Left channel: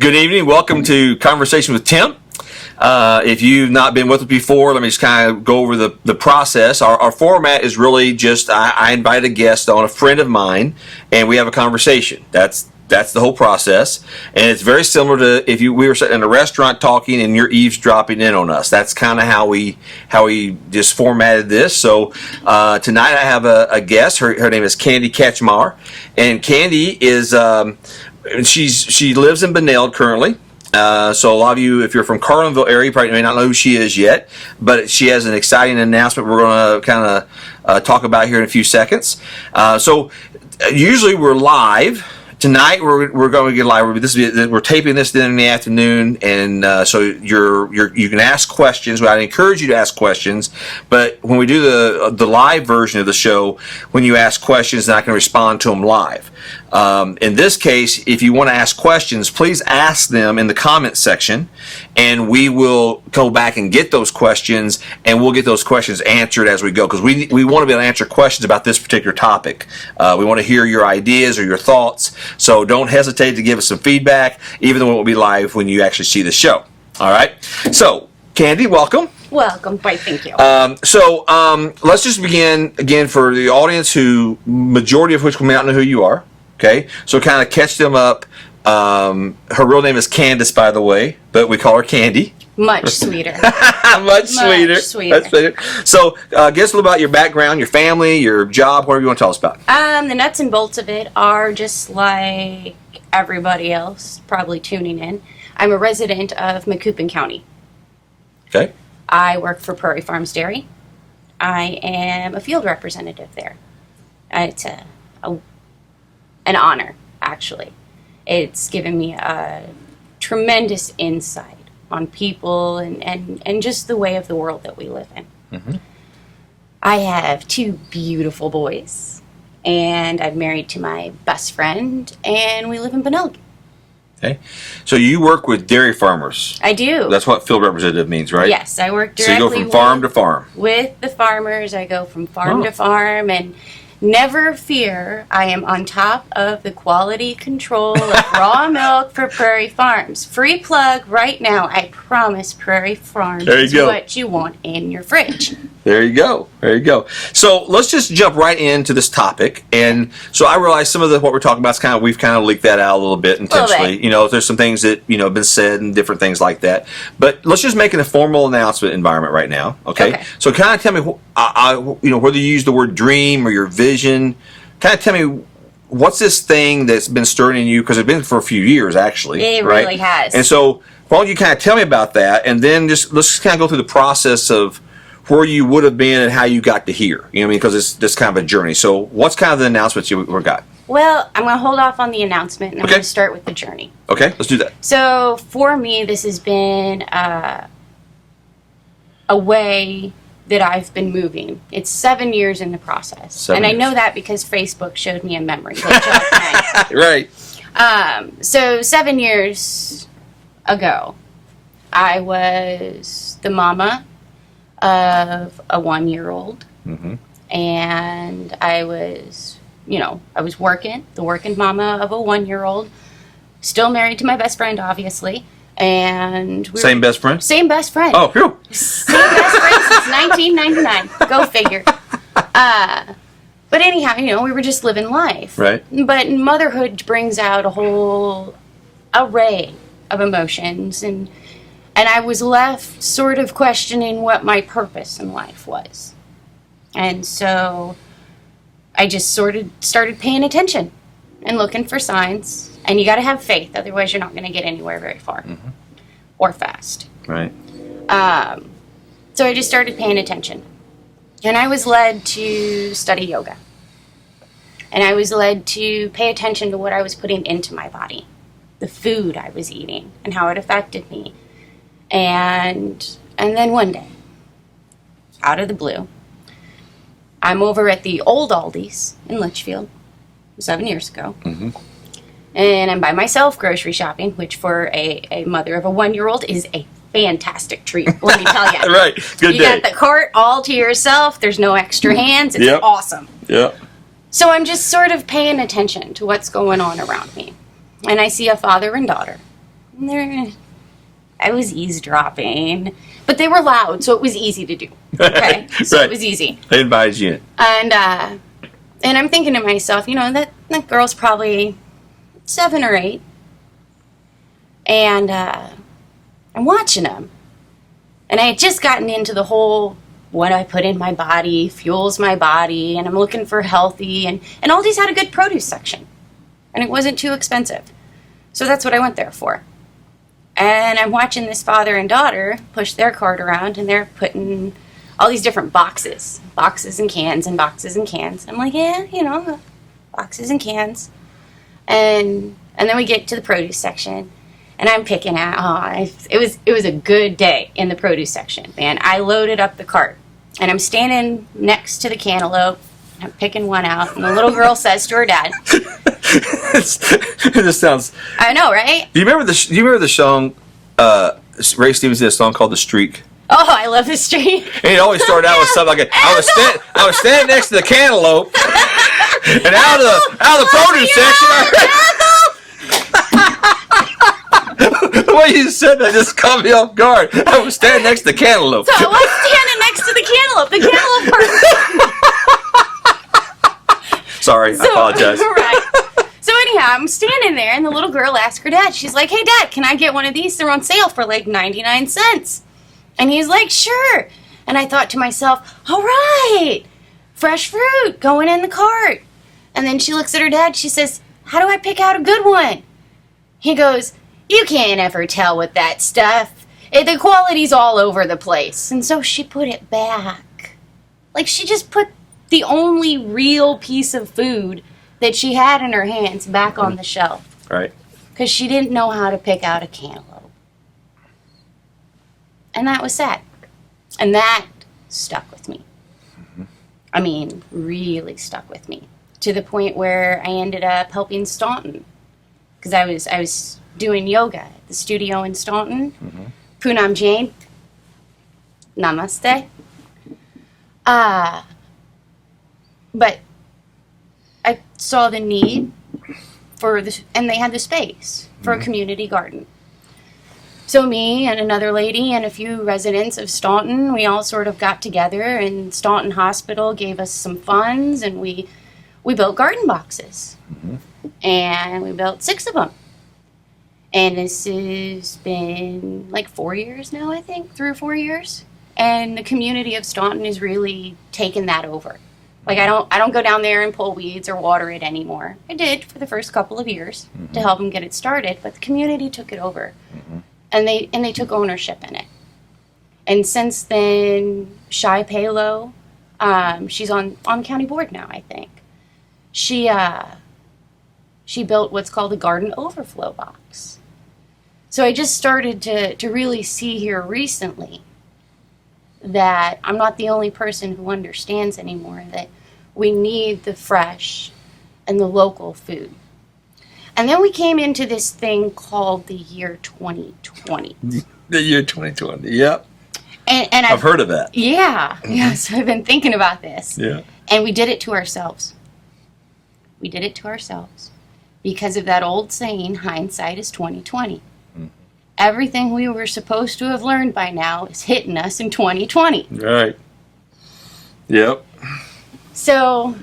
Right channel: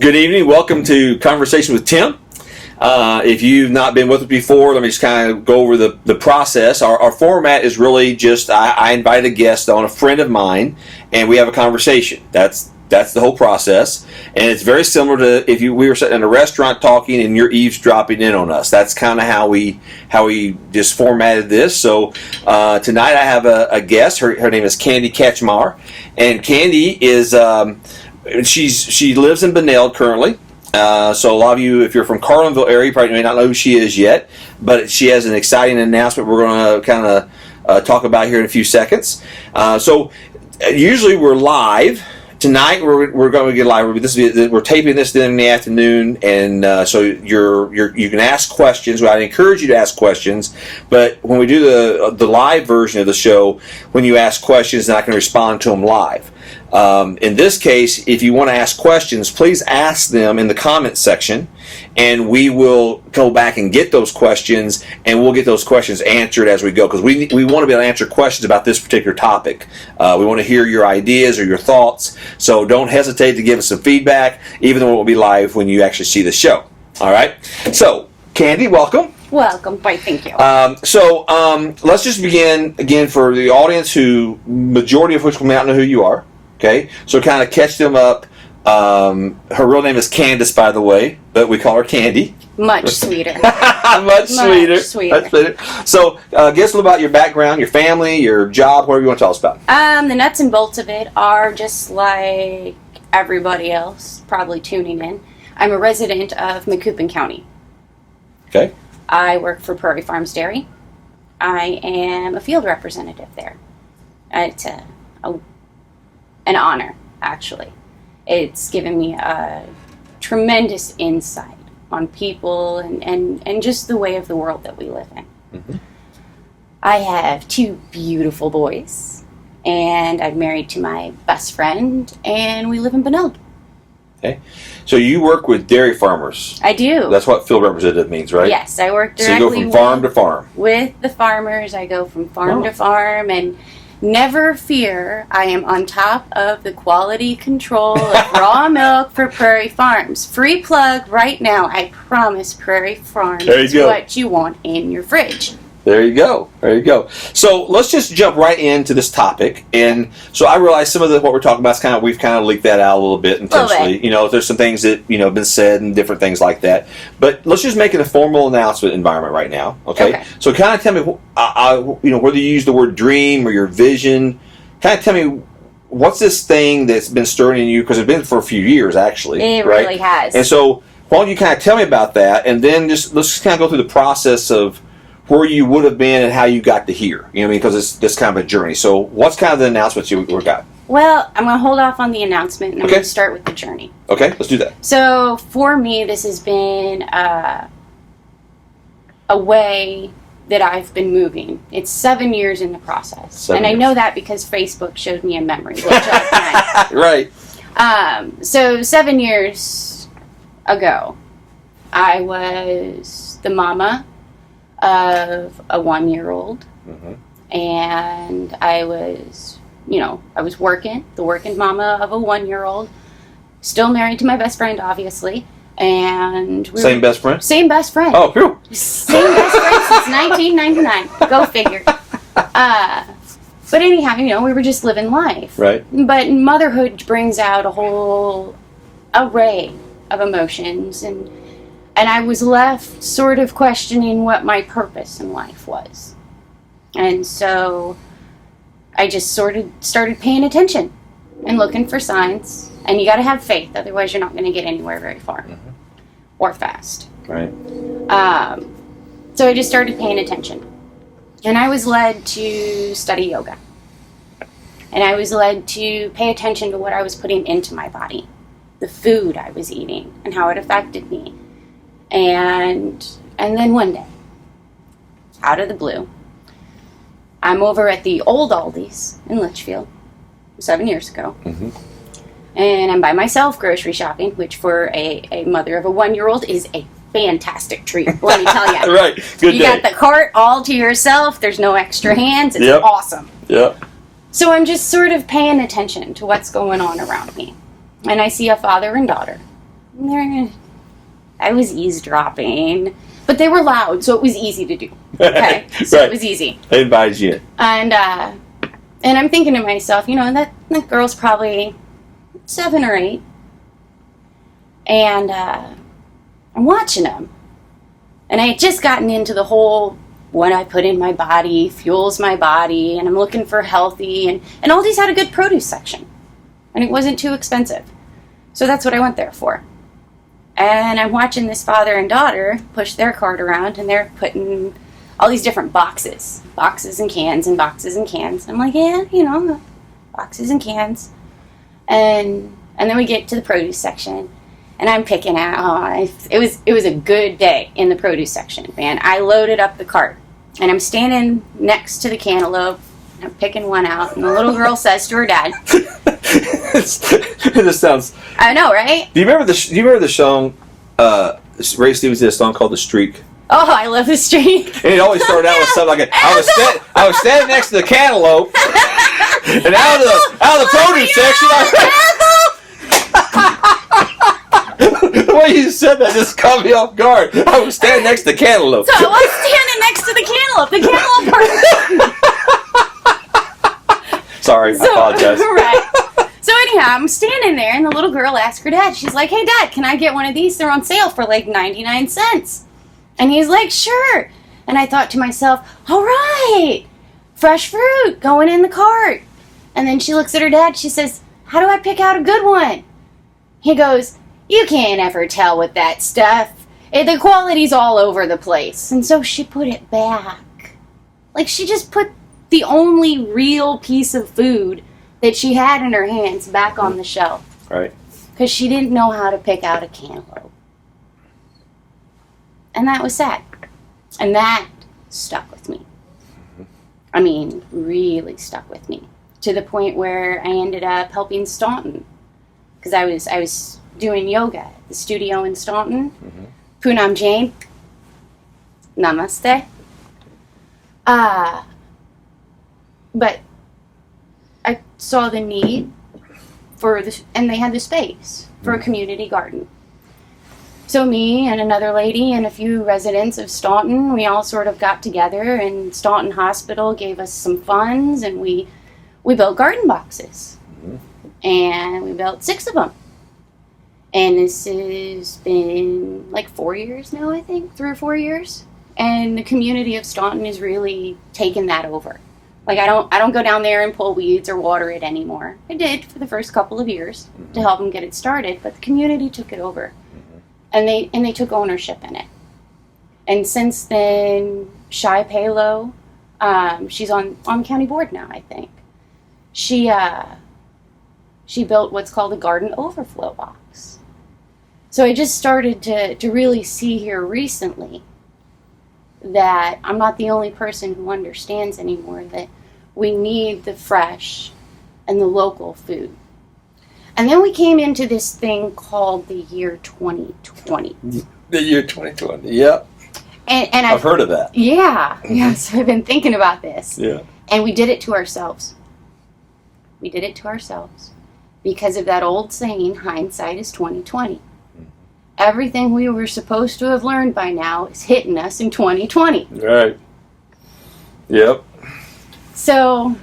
Good evening. Welcome to Conversation with Tim. If you've not been with us before, let me just kind of go over the process. Our format is really just I invite a guest on, a friend of mine, and we have a conversation. That's the whole process, and it's very similar to if we were sitting in a restaurant talking and you're eavesdropping in on us. That's kind of how we just formatted this. So tonight I have a guest. Her name is Candi Katchmar, and Candi is she lives in Benel currently. So a lot of you, if you're from Carlinville area, you probably may not know who she is yet, but she has an exciting announcement we're going to kind of talk about here in a few seconds. So usually we're live. Tonight we're going to get live. We're taping this in the afternoon, and so you can ask questions. I encourage you to ask questions, but when we do the live version of the show, when you ask questions, then I can respond to them live. In this case, if you want to ask questions, please ask them in the comments section, and we will go back and get those questions, and we'll get those questions answered as we go, because we want to be able to answer questions about this particular topic. We want to hear your ideas or your thoughts, so don't hesitate to give us some feedback, even though it will be live when you actually see the show. All right? So, Candi, welcome. Welcome. Right, thank you. Let's just begin, again, for the audience who, majority of which may not know who you are. Okay, so kind of catch them up. Her real name is Candace, by the way, but we call her Candi. Much sweeter. Much sweeter. So, guess a little about your background, your family, your job, whatever you want to tell us about. The nuts and bolts of it are just like everybody else, probably tuning in. I'm a resident of Macoupin County. Okay. I work for Prairie Farms Dairy. I am a field representative there. It's an honor, actually. It's given me a tremendous insight on people and just the way of the world that we live in. Mm-hmm. I have 2 beautiful boys, and I'm married to my best friend, and we live in Benel. Okay. So you work with dairy farmers. I do. That's what field representative means, right? Yes, I work directly so you go from farm to farm. With the farmers. I go from farm to farm, and never fear, I am on top of the quality control of raw milk for Prairie Farms. Free plug right now. I promise Prairie Farms is what you want in your fridge. There you go. So let's just jump right into this topic. And so I realize some of what we're talking about is we've kind of leaked that out a little bit intentionally. You know, there's some things that, have been said and different things like that. But let's just make it a formal announcement environment right now. Okay. So kind of tell me, whether you use the word dream or your vision, kind of tell me, what's this thing that's been stirring in you? Because it's been for a few years, actually. It really has. And so why don't you kind of tell me about that? And then let's just kind of go through the process of where you would have been and how you got to here. You know what I mean? Because it's this kind of a journey. So what's kind of the announcements you got? Well, I'm going to hold off on the announcement, and I'm going to start with the journey. Okay, let's do that. So for me, this has been a way that I've been moving. It's 7 years in the process. I know that because Facebook showed me a memory. Right. So 7 years ago, I was the mama of a 1-year-old, mm-hmm. and I was working, the working mama of a 1-year-old, still married to my best friend, obviously, and Same best friend? Same best friend. Oh, phew. Same best friend since 1999. Go figure. But anyhow, we were just living life. Right. But motherhood brings out a whole array of emotions, and I was left sort of questioning what my purpose in life was. And so I just sort of started paying attention and looking for signs. And you got to have faith, otherwise you're not going to get anywhere very far, mm-hmm. or fast. Right. So I just started paying attention. And I was led to study yoga. And I was led to pay attention to what I was putting into my body, the food I was eating, and how it affected me. And then one day, out of the blue, I'm over at the old Aldi's in Litchfield 7 years ago. Mm-hmm. And I'm by myself grocery shopping, which for a mother of a 1-year-old is a fantastic treat, let me tell you. Right, good day. You got the cart all to yourself. There's no extra hands. It's awesome. Yeah. So I'm just sort of paying attention to what's going on around me. And I see a father and daughter I was eavesdropping, but they were loud, so it was easy to do. Okay, so Right. it was easy. They invited you in. And I'm thinking to myself, that girl's probably 7 or 8, and I'm watching them, and I had just gotten into the whole what I put in my body fuels my body, and I'm looking for healthy, and Aldi's had a good produce section, and it wasn't too expensive, so that's what I went there for. And I'm watching this father and daughter push their cart around, and they're putting all these different boxes and cans and boxes and cans. I'm like, yeah, boxes and cans. And then we get to the produce section, and I'm picking out. It was a good day in the produce section, man. I loaded up the cart, and I'm standing next to the cantaloupe. I'm picking one out, and the little girl says to her dad, This sounds. I know, right? Do you remember the song? Ray Stevens did a song called "The Streak," Oh, I love the streak. and it always started out with something like, "I was standing next to the cantaloupe, and out of the produce section, the way you said that just caught me off guard. I was standing next to the cantaloupe. So I was standing next to the cantaloupe. The cantaloupe part. Sorry, I apologize. Right. So anyhow, I'm standing there, and the little girl asked her dad. She's like, "Hey, Dad, can I get one of these? They're on sale for like 99 cents." And he's like, "Sure." And I thought to myself, all right, fresh fruit going in the cart. And then she looks at her dad. She says, "How do I pick out a good one?" He goes, "You can't ever tell with that stuff. The quality's all over the place." And so she put it back. Like, she just put the only real piece of food that she had in her hands back on the shelf. Right. Because she didn't know how to pick out a cantaloupe. And that was sad. And that stuck with me. I mean, really stuck with me. To the point where I ended up helping Staunton. Because I was doing yoga at the studio in Staunton. Poonam Jain. Namaste. But I saw the need for this, and they had the space for a community garden. So me and another lady and a few residents of Staunton, we all sort of got together, and Staunton Hospital gave us some funds, and we built garden boxes. And we built 6 of them. And this has been like 4 years now, I think, 3 or 4 years. And the community of Staunton has really taken that over. Like, I don't go down there and pull weeds or water it anymore. I did for the first couple of years to help them get it started, but the community took it over, and they took ownership in it. And since then, Shai Palo, she's on county board now, I think. She built what's called a garden overflow box. So I just started to really see here recently that I'm not the only person who understands anymore that we need the fresh and the local food. And then we came into this thing called the year 2020. The year 2020, yep. And I've heard of that. Yeah, so I've been thinking about this. Yeah. And we did it to ourselves. We did it to ourselves because of that old saying, hindsight is 2020. Everything we were supposed to have learned by now is hitting us in 2020. Right. Yep. So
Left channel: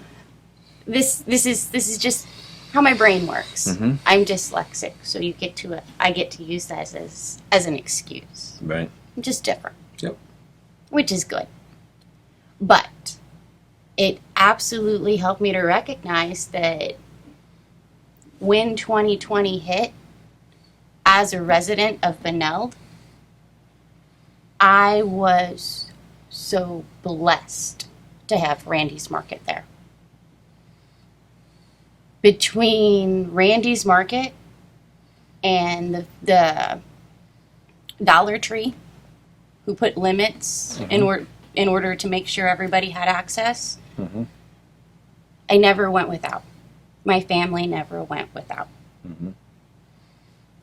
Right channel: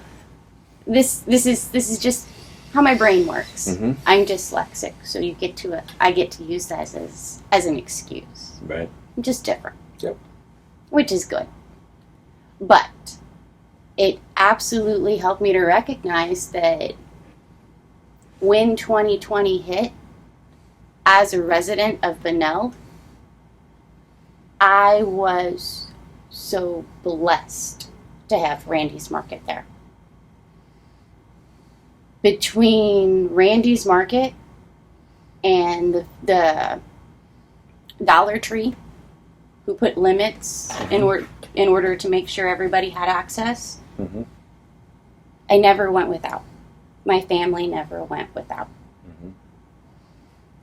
this is just how my brain works. I'm dyslexic, so I get to use that as an excuse. Right. I'm just different. Yep. Which is good. But it absolutely helped me to recognize that when 2020 hit, as a resident of Beneld, I was so blessed to have Randy's Market there. Between Randy's Market and the Dollar Tree, who put limits in order to make sure everybody had access, I never went without. My family never went without.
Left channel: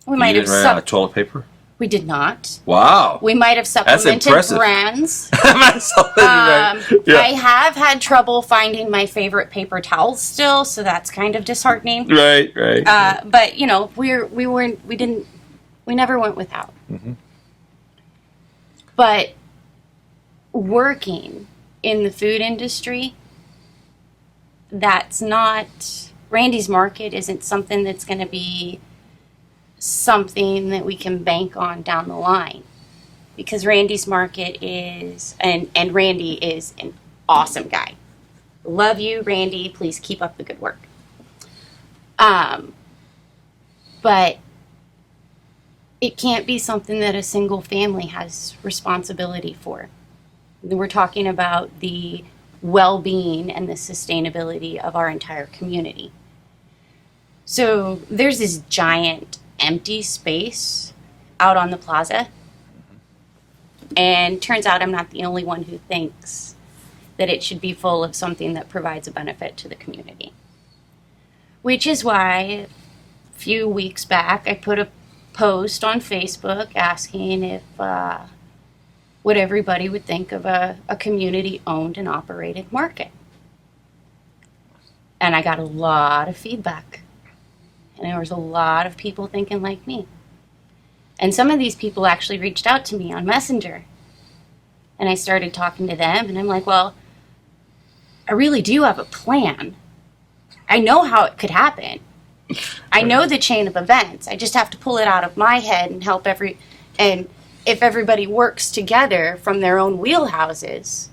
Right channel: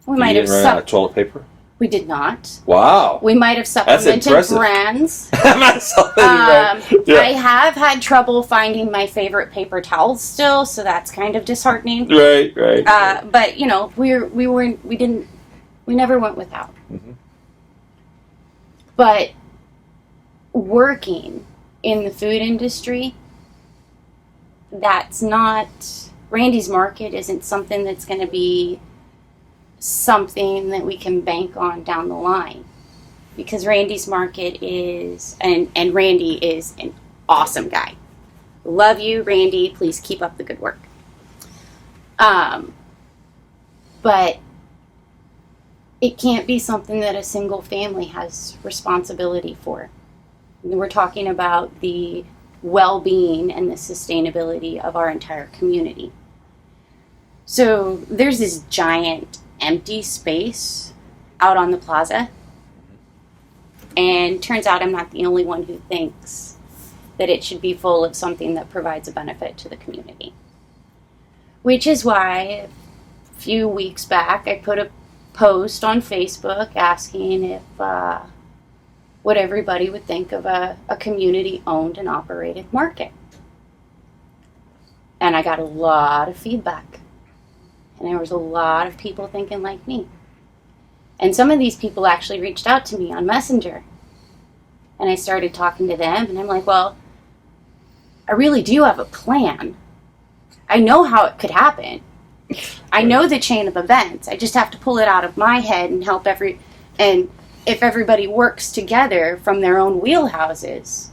We might have run out of toilet paper? We did not. Wow. We might have supplemented brands. Yeah. I have had trouble finding my favorite paper towels still, so that's kind of disheartening. Right. But we We never went without. Mm-hmm. But working in the food industry, that's not, Randy's Market isn't something that's going to be something that we can bank on down the line. Because Randy's Market is, and Randy is an awesome guy. Love you, Randy. Please keep up the good work. But it can't be something that a single family has responsibility for. We're talking about the well-being and the sustainability of our entire community. So there's this giant empty space out on the plaza. And turns out I'm not the only one who thinks that it should be full of something that provides a benefit to the community. Which is why a few weeks back I put a post on Facebook asking if what everybody would think of a community-owned and operated market. And I got a lot of feedback. And there was a lot of people thinking like me. And some of these people actually reached out to me on Messenger. And I started talking to them, and I'm like, well, I really do have a plan. I know how it could happen. I know the chain of events. I just have to pull it out of my head and help and if everybody works together from their own wheelhouses,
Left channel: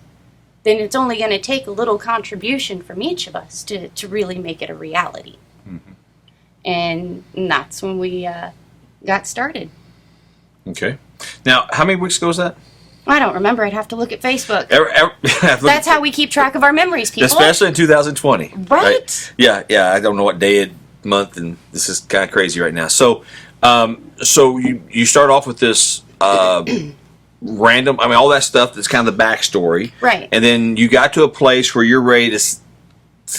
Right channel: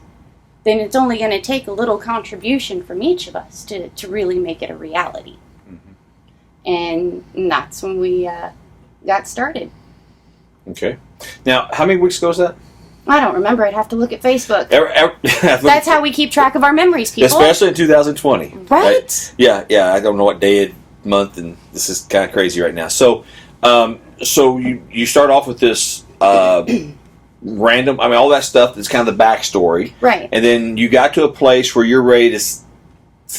then it's only going to take a little contribution from each of us to really make it a reality. Mm-hmm. And that's when we got started. Okay. Now, how many weeks ago was that? I don't remember. I'd have to look at Facebook. That's how we keep track of our memories, people. Especially in 2020. Right? Yeah. I don't know what day, month, and this is kind of crazy right now. So, so you start off with this random, I mean, all that stuff that's kind of the backstory. Right. And then you got to a place where you're ready to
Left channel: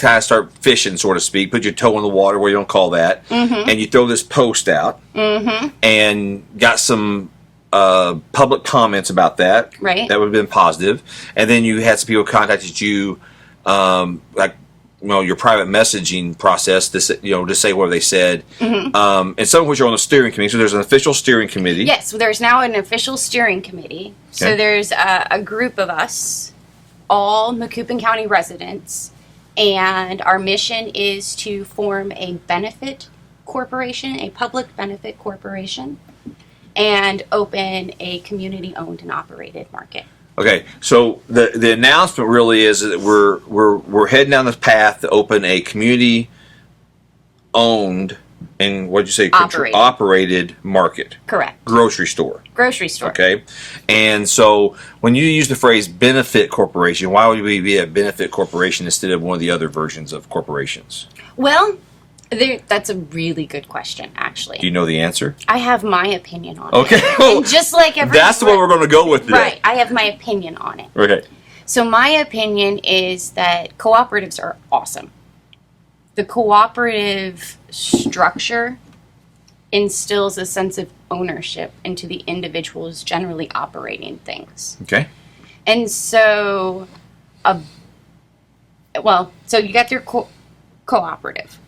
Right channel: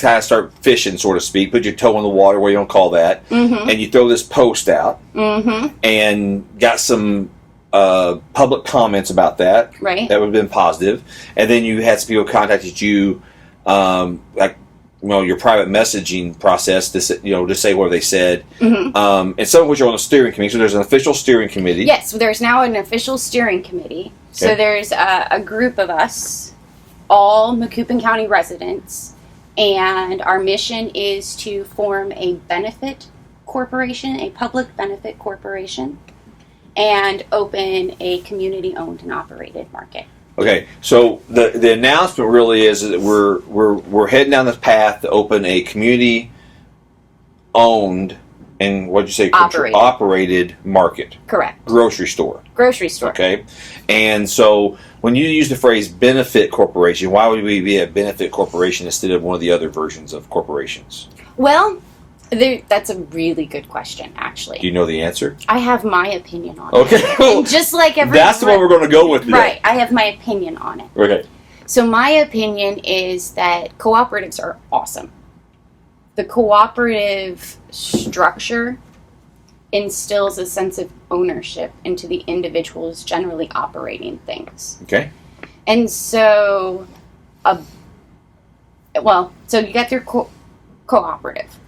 kind of start fishing, so to speak, put your toe in the water, where you don't call that, mm-hmm. and you throw this post out, mm-hmm. and got some public comments about that. Right. That would have been positive. And then you had some people contacted you, like, you know, your private messaging process to say what they said. Mm-hmm. And some of which are on the steering committee. So there's an official steering committee. Yes, there's now an official steering committee. Okay. So there's a group of us, all Macoupin County residents, and our mission is to form a benefit corporation, a public benefit corporation, and open a community-owned and operated market. Okay, so the announcement really is that we're heading down this path to open a community-owned and what'd you say? Operated market. Correct. Grocery store. Grocery store. Okay, and so when you use the phrase benefit corporation, why would we be a benefit corporation instead of one of the other versions of corporations? Well, that's a really good question, actually. Do you know the answer? I have my opinion on it. Okay. And just like everyone. That's the one we're going to go with today. Right. I have my opinion on it. Okay. So my opinion is that cooperatives are awesome. The cooperative structure instills a sense of ownership into the individuals generally operating things. Okay. And so, so you got your cooperative.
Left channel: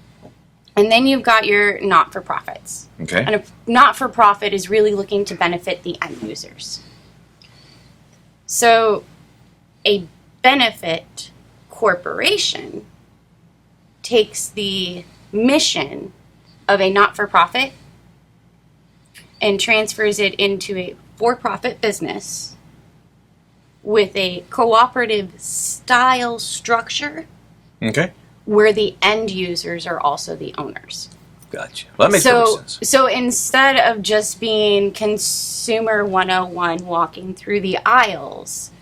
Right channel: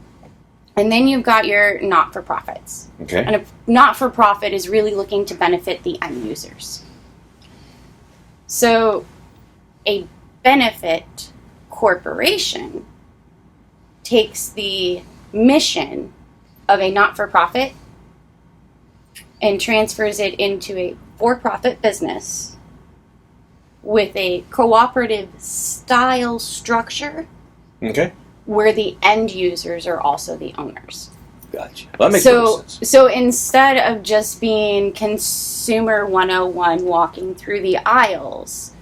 And then you've got your not-for-profits. Okay. And a not-for-profit is really looking to benefit the end users. So a benefit corporation takes the mission of a not-for-profit and transfers it into a for-profit business with a cooperative style structure. Okay. Where the end users are also the owners. Gotcha. Well, that makes total sense. So instead of just being consumer 101 walking through the aisles,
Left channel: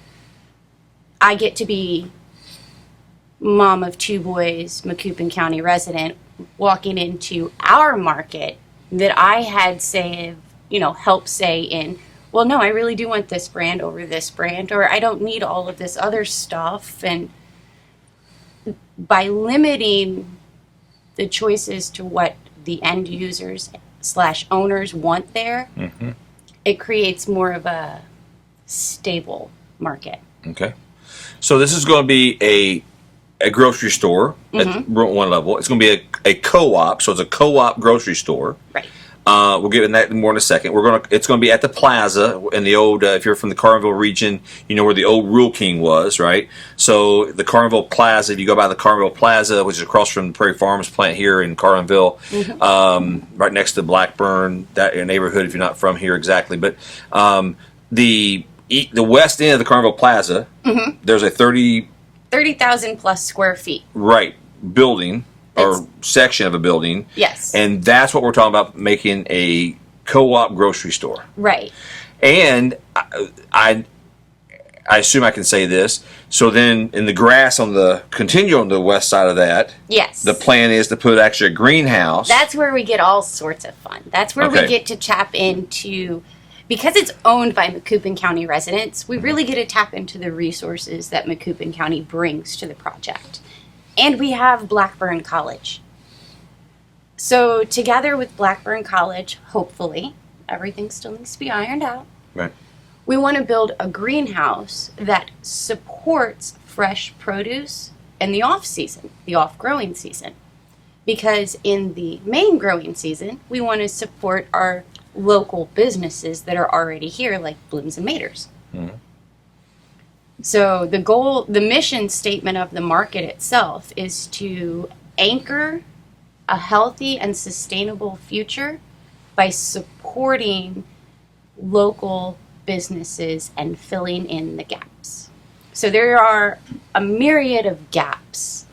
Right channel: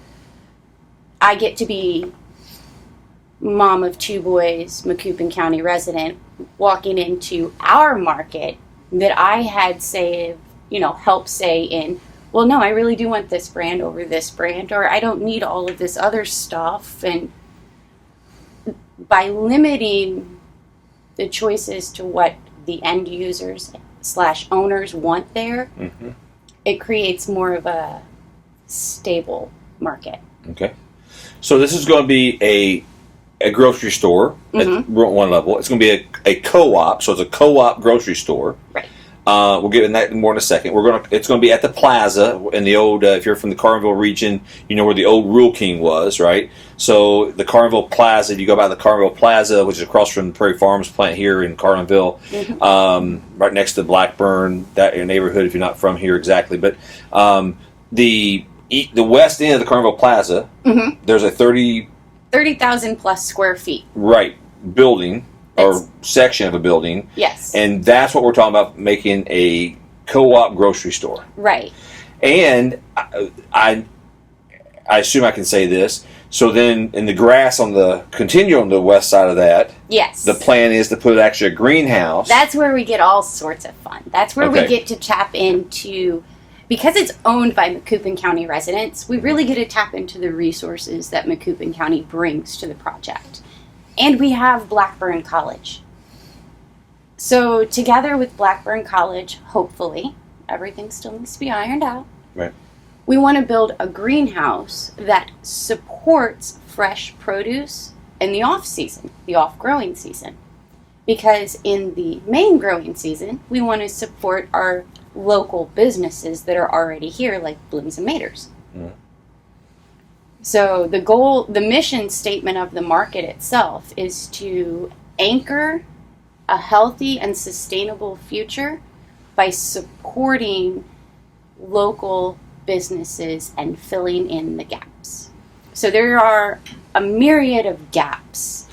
I get to be mom of two boys, Macoupin County resident, walking into our market that I had help say in, well, no, I really do want this brand over this brand, or I don't need all of this other stuff. And by limiting the choices to what the end users / owners want there, mm-hmm. it creates more of a stable market. Okay. So this is going to be a grocery store mm-hmm. at one level. It's going to be a co-op, so it's a co-op grocery store. Right. We'll get in that more in a second. It's going to be at the plaza in the old. If you're from the Carlinville region, you know where the old Rural King was, right? So the Carlinville Plaza. If you go by the Carlinville Plaza, which is across from the Prairie Farms plant here in Carlinville, right next to Blackburn, that neighborhood. If you're not from here exactly, but the west end of the Carlinville Plaza, there's a 30,000 plus square feet. Right, building. Or section of a building. Yes. And that's what we're talking about, making a co-op grocery store. Right. And I assume I can say this. So then in the grass on the west side of that, yes, the plan is to put actually a greenhouse. That's where we get all sorts of fun. That's where we get to tap into, because it's owned by Macoupin County residents, we really get to tap into the resources that Macoupin County brings to the project. And we have Blackburn College. So together with Blackburn College, hopefully, everything still needs to be ironed out. Right. We want to build a greenhouse that supports fresh produce in the off-season, the off-growing season. Because in the main growing season, we want to support our local businesses that are already here, like Blooms and Maters. So the mission statement of the market itself is to anchor a healthy and sustainable future by supporting local businesses and filling in the gaps. So there are a myriad of gaps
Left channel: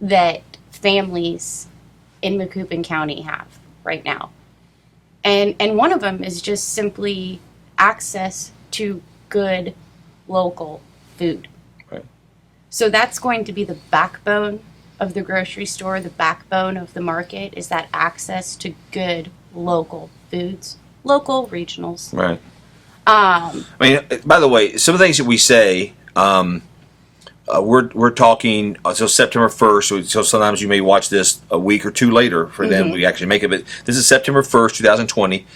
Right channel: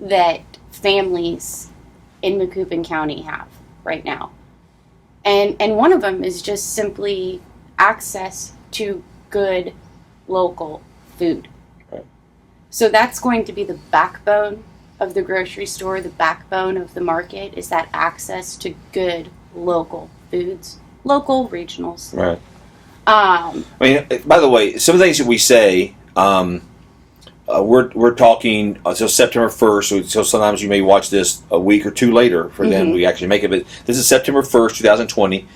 that families in Macoupin County have right now. And one of them is just simply access to good local food. Right. So that's going to be the backbone of the grocery store, the backbone of the market, is that access to good local foods, local regionals. Right. I mean, by the way, some of the things that we say, we're talking, so September 1st, so sometimes you may watch this a week or two later for them, we actually make it, but this is September 1st, 2020.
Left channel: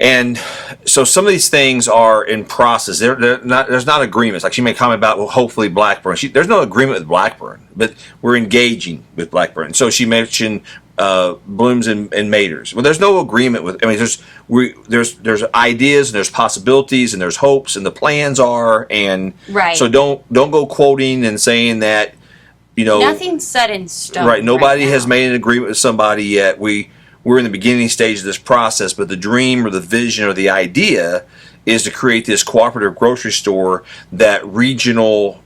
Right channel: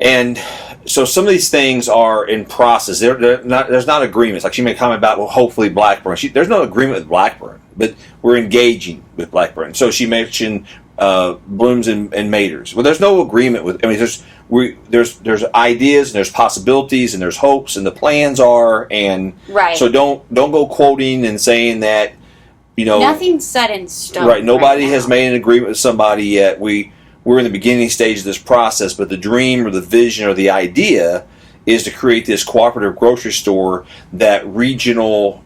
And so some of these things are in process. There's not agreements. Like she made a comment about, well, hopefully Blackburn. There's no agreement with Blackburn, but we're engaging with Blackburn. So she mentioned Blooms and Maters. Well, there's no agreement with. I mean, there's ideas and there's possibilities and there's hopes and the plans are and right. So don't go quoting and saying that, you know, nothing's set in stone. Right. Nobody right has now. made an agreement with somebody yet. We're in the beginning stage of this process, but the dream or the vision or the idea is to create this cooperative grocery store that regional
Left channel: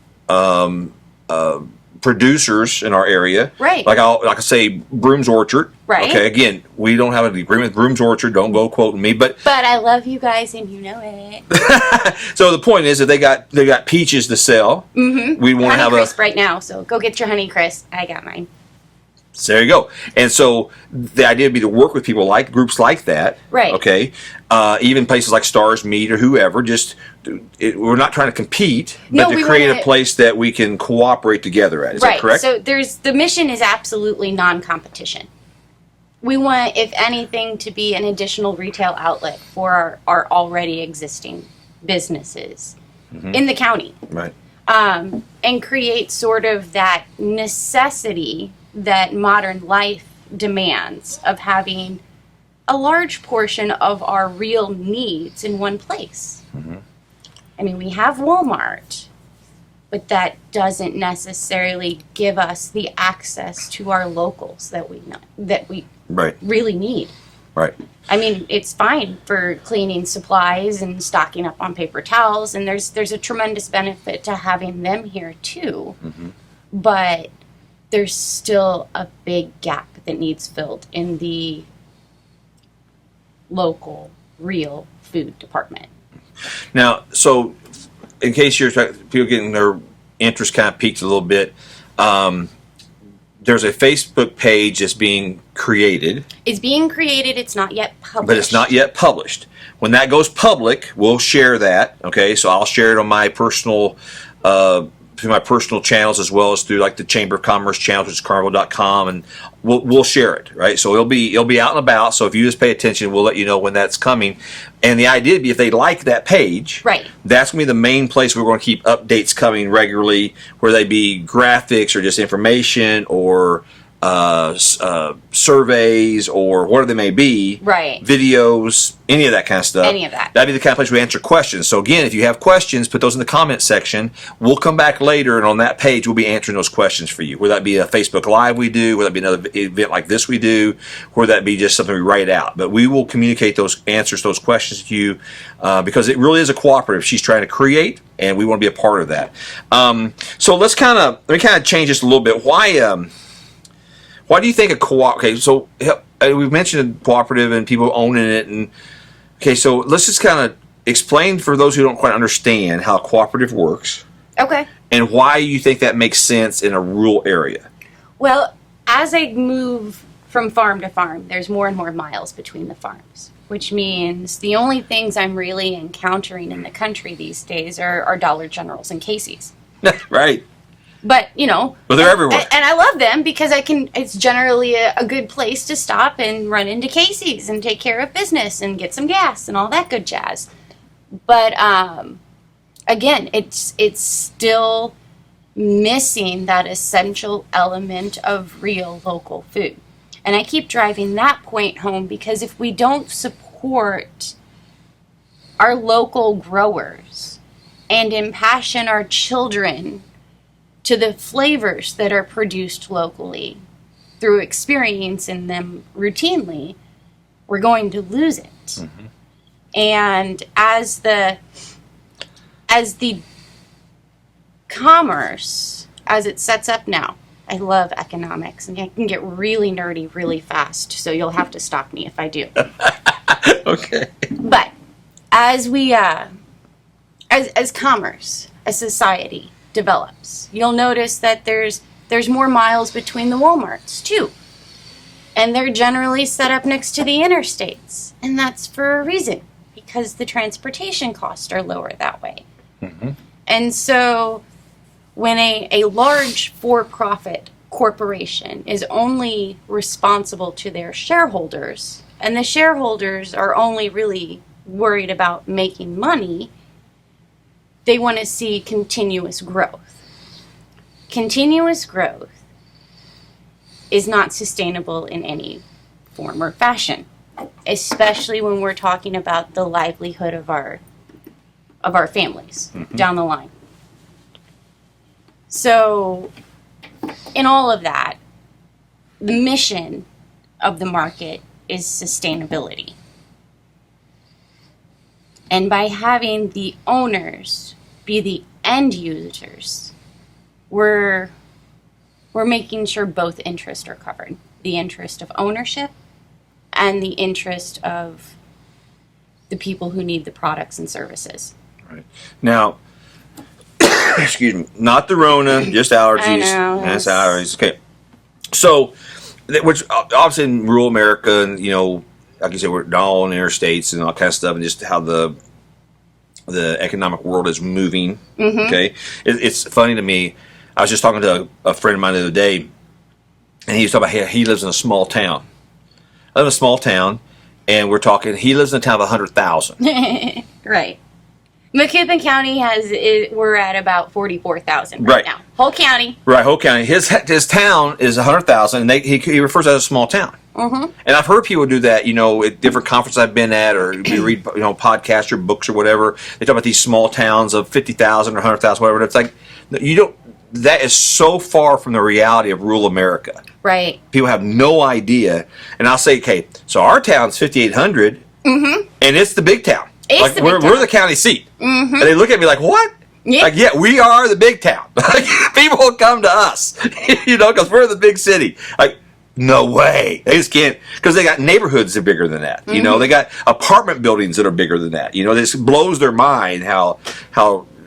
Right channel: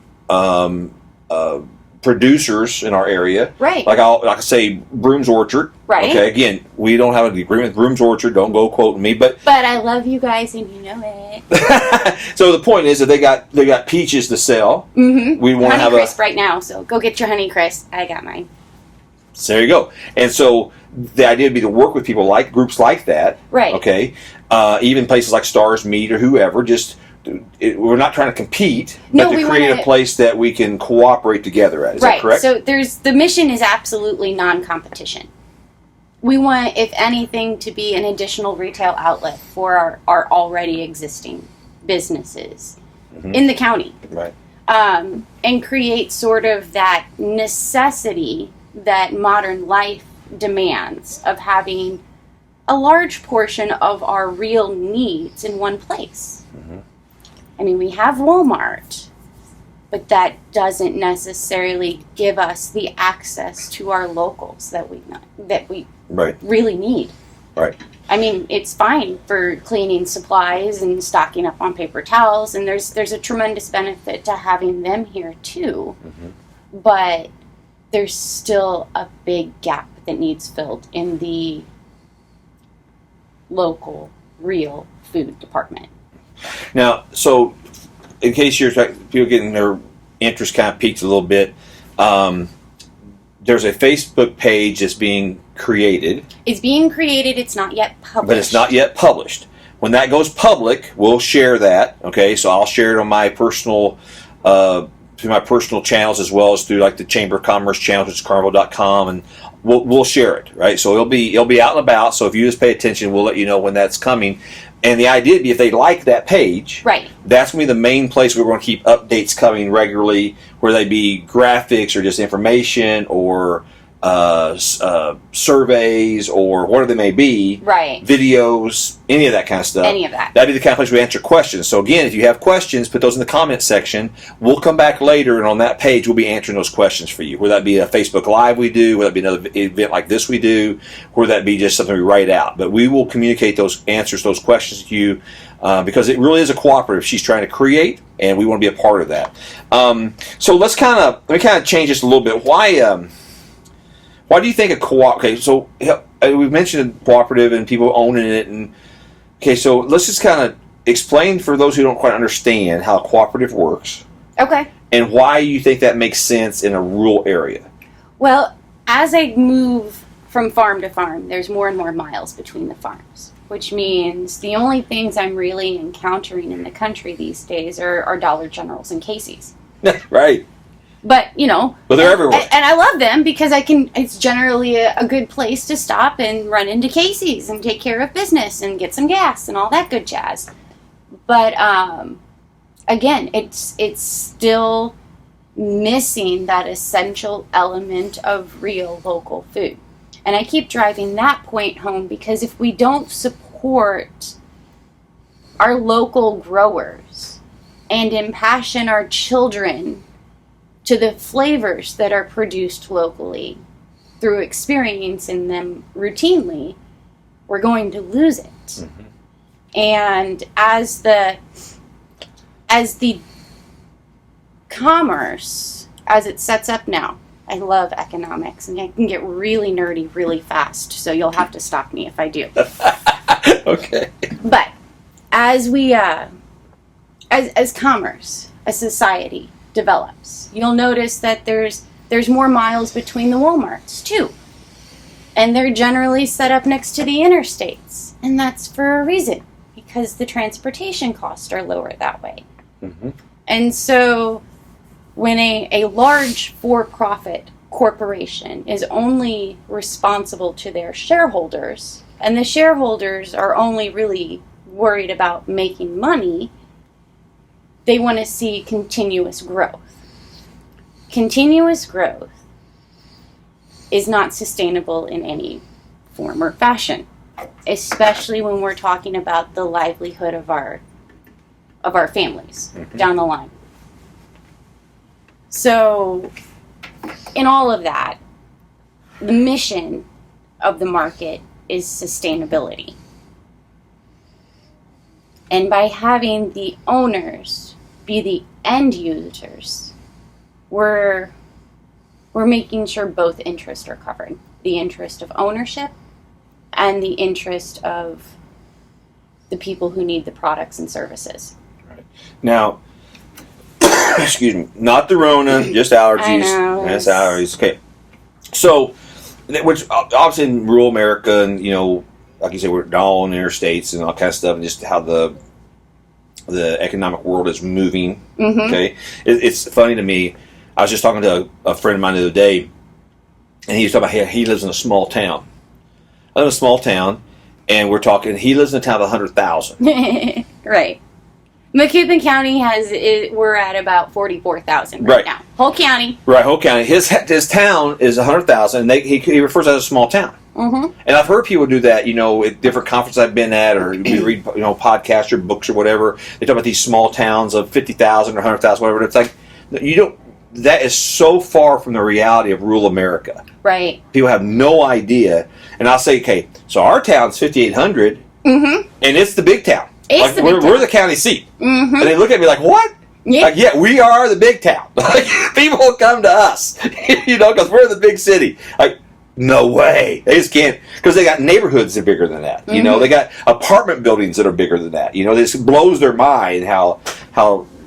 producers in our area, right? Like I say, Broom's Orchard, right? Okay, again, we don't have an agreement with Broom's Orchard. Don't go quoting me, but I love you guys and you know it. So the point is that they got peaches to sell. Mm-hmm. We want to have Honeycrisp right now, so go get your Honeycrisp. I got mine. So there you go. And so the idea would be to work with people like groups like that. Right. Okay. Even places like Stars Meat or whoever. We're not trying to compete, but to create a place that we can cooperate together at. Is that correct? So the mission is absolutely non-competition. We want, if anything, to be an additional retail outlet for our already existing businesses in the county. Right. And create sort of that necessity that modern life demands of having a large portion of our real needs in one place. I mean, we have Walmart, but that doesn't necessarily give us the access to our locals that we right. really need. Right. I mean, it's fine for cleaning supplies and stocking up on paper towels, and there's a tremendous benefit to having them here too. But there's still a big gap that needs filled in the local, real food department. Now, so in case people getting their interest kind of piqued a little bit, there's a Facebook page that's being created. It's being created. It's not yet published. But it's not yet published. When that goes public, we'll share that. Okay, so I'll share it on my personal through my personal channels as well as through like the Chamber of Commerce channel, which is carlinville.com, and we'll share it, right? So it'll be out and about. So if you just pay attention, we'll let you know when that's coming. And the idea would be if they like that page, right, that's going to be the main place we're going to keep updates coming regularly, where they be graphics or just information or surveys or whatever they may be, Right. videos, any of that kind of stuff. Any of that. That'd be the kind of place we answer questions. So again, if you have questions, put those in the comment section. We'll come back later, and on that page, we'll be answering those questions for you. Whether that be a Facebook Live we do, whether that be another event like this we do, or that be just something we write out. But we will communicate those answers to those questions to you because it really is a cooperative she's trying to create, and we want to be a part of that. So let me kind of change this a little bit. Why do you think a co-op? Okay, so we've mentioned cooperative and people owning it, and okay, so let's just kind of explain for those who don't quite understand how cooperative works. Okay. And why you think that makes sense in a rural area. Well, as I move from farm to farm, there's more and more miles between the farms, which means the only things I'm really encountering in the country these days are Dollar Generals and Casey's. Right. But, But they're everywhere. And I love them because it's generally a good place to stop and run into Casey's and take care of business and get some gas and all that good jazz. But, again, it's still missing that essential element of real local food. And I keep driving that point home because if we don't support our local growers and impassion our children to the flavors that are produced locally through experiencing them routinely, we're going to lose it. Mm-hmm. And as the commerce, as it sets up now, I love economics, and I can get really nerdy really fast, so you'll have to stop me if I do. Okay. But as we, as commerce, as society develops, you'll notice that there's more miles between the Walmarts too, and they're generally set up next to the interstates, and that's for a reason, because the transportation costs are lower that way. Mm-hmm. And so when a large for-profit corporation is only responsible to their shareholders, and the shareholders are only really worried about making money, they want to see continuous growth. Continuous growth is not sustainable in any form or fashion, especially when we're talking about the livelihood of our families down the line. So, in all of that, the mission of the market is sustainability. And by having the owners be the end users, we're making sure both interests are covered. The interest of ownership and the interest of the people who need the products and services. Right. Now, excuse me, not the Rona, just allergies. I know. That's allergies. Okay. So, which obviously in rural America, and like you said, we're all on interstates and all kind of stuff, and just how the economic world is moving. Mm-hmm. Okay, it's funny to me. I was just talking to a friend of mine the other day, and he was talking about he lives in a small town. I live in a small town, and we're talking. He lives in a town of 100,000. Right. McKibbin County we're at about 44,000 right now. Whole county. Right, whole county. His town is 100,000, and he refers to it as a small town. Mm-hmm. And I've heard people do that, at different conferences I've been at, or we read, podcasts or books or whatever. They talk about these small towns of 50,000 or 100,000, whatever. It's like that is so far from the reality of rural America. Right. People have no idea. And I'll say, okay, so our town's 5,800, and it's the big town. We're the county seat. Mm-hmm. And they look at me like, what? Yeah. Like, yeah, we are the big town. People come to us, because we're the big city. Like, no way. They just can't, because they got neighborhoods that are bigger than that. Mm-hmm. They got apartment buildings that are bigger than that. This blows their mind how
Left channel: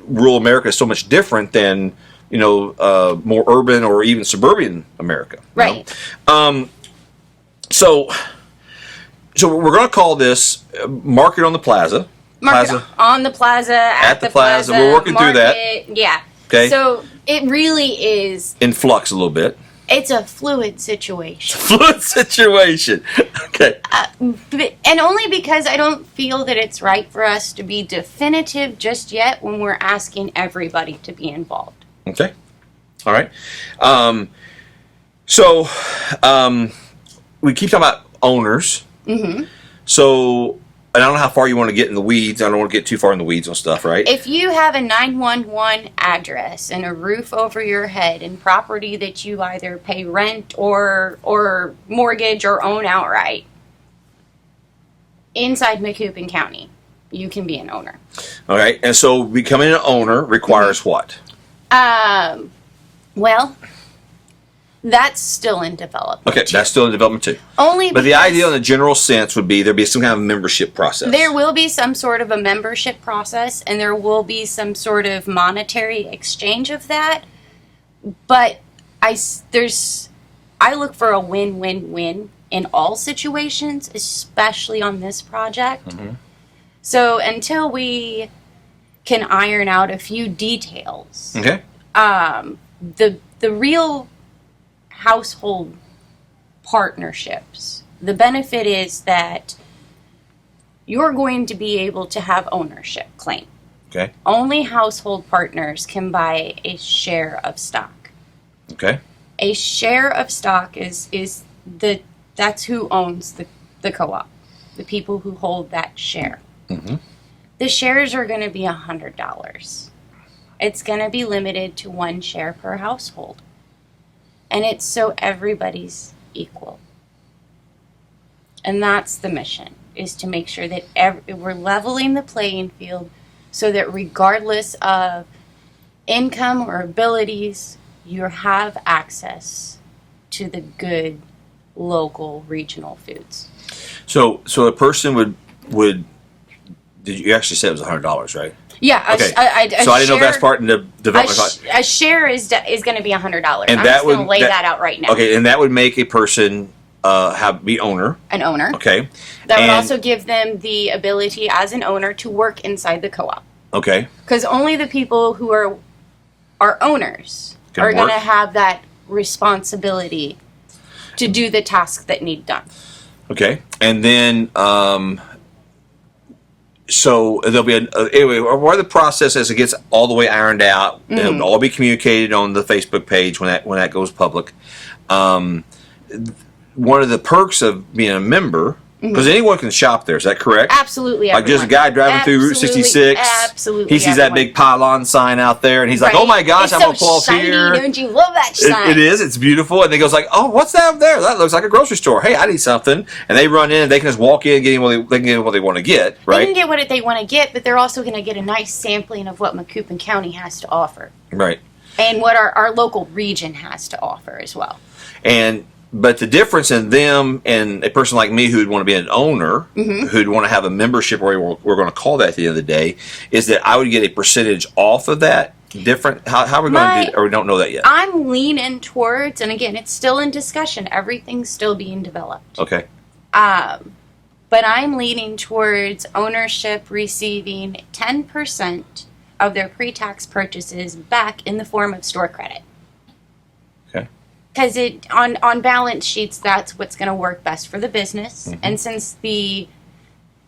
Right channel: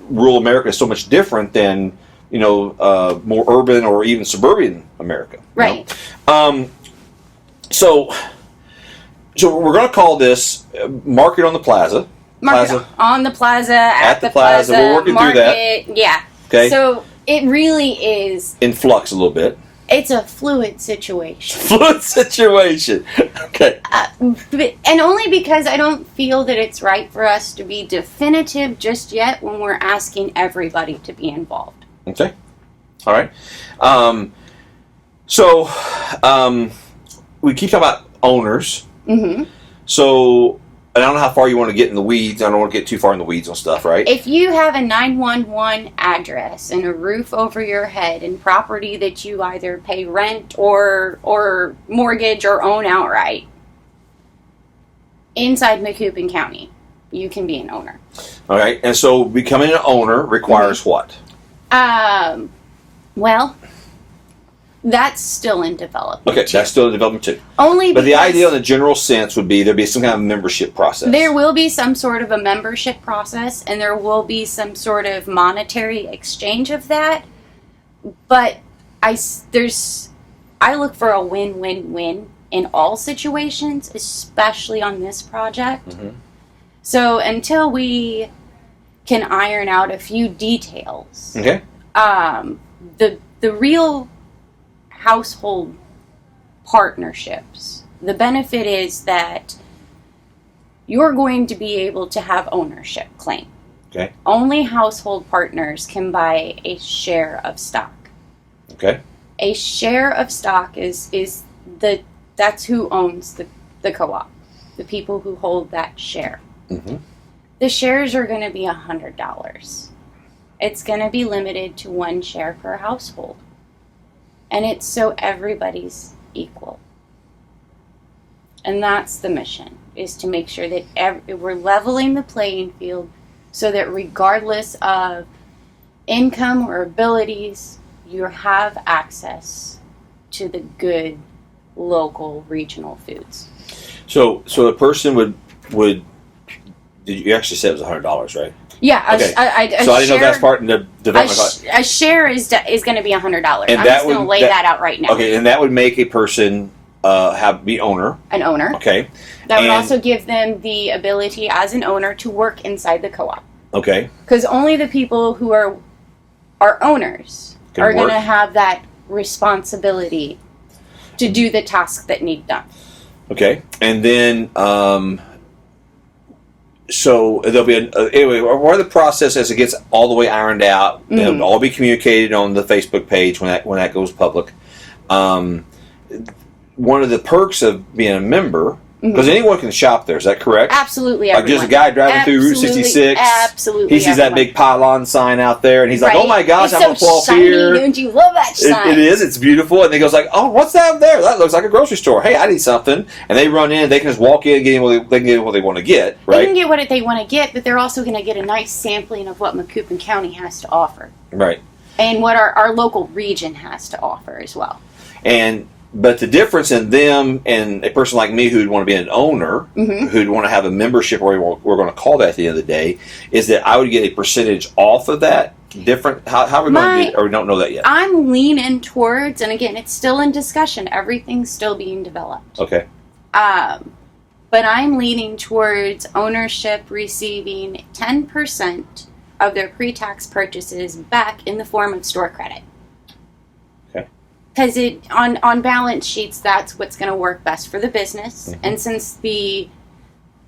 rural America is so much different than, more urban or even suburban America. Right. So we're going to call this Market on the Plaza. On the plaza, at the plaza. We're working through that. Yeah. Okay. So it really is in flux a little bit. It's a fluid situation. Okay. And only because I don't feel that it's right for us to be definitive just yet when we're asking everybody to be involved. Okay. All right. So, we keep talking about owners. Mm-hmm. So, and I don't know how far you want to get in the weeds. I don't want to get too far in the weeds on stuff, right? If you have a 911 address and a roof over your head and property that you either pay rent or mortgage or own outright inside Macoupin County, you can be an owner. All right. And so becoming an owner requires what? Well, that's still in development. Okay, that's still in development too. Only But the because idea in the general sense would be there'd be some kind of membership process. there will be some sort of a membership process, and there will be some sort of monetary exchange of that. But I look for a win-win-win in all situations, especially on this project. Mm-hmm. So until we can iron out a few details, Okay. The real household partnerships, the benefit is that you're going to be able to have ownership claim. Okay. Only household partners can buy a share of stock. Okay. A share of stock that's who owns the co-op, the people who hold that share. Mm-hmm. The shares are going to be $100. It's going to be limited to one share per household. And it's so everybody's equal. And that's the mission, is to make sure that we're leveling the playing field so that regardless of income or abilities, you have access to the good local regional foods. So a person would did you actually say it was $100, right? Yeah. Okay. So I didn't know if that's part in the development. A share is going to be $100. And I'm that just going to would- lay that out right now. Okay, and that would make a person be owner. An owner. Okay. That would And- also give them the ability as an owner to work inside the co-op. Okay. Because only the people who are owners Can are going work. to have that responsibility to do the task that need done. Okay. And then so there'll be anyway, where the process as it gets all the way ironed out, it'll all be communicated on the Facebook page when that goes public. One of the perks of being a member, because anyone can shop there, is that correct? Absolutely, Like just a guy driving through Route 66. Absolutely, He sees that big pylon sign out there, and he's like, Right. "Oh my gosh, It's I'm so gonna pull off shiny, here." Don't you love that sign? It is. It's beautiful. And he goes like, "Oh, what's that up there? That looks like a grocery store. Hey, I need something." And they run in. And they can just walk in, get what they want to get. They Right. can get what they want to get, but they're also going to get a nice sampling of what Macoupin County has to offer. Right. And what our local region has to offer as well. But the difference in them and a person like me who'd want to be an owner, who'd want to have a membership, or we're going to call that at the end of the day, is that I would get a percentage off of that. Different. How are we going to do that? Or we don't know that yet. I'm leaning towards, and again, it's still in discussion. Everything's still being developed. Okay. But I'm leaning towards ownership receiving 10% of their pre-tax purchases back in the form of store credit. Okay. Because on balance sheets, that's what's going to work best for the business. Mm-hmm. And since the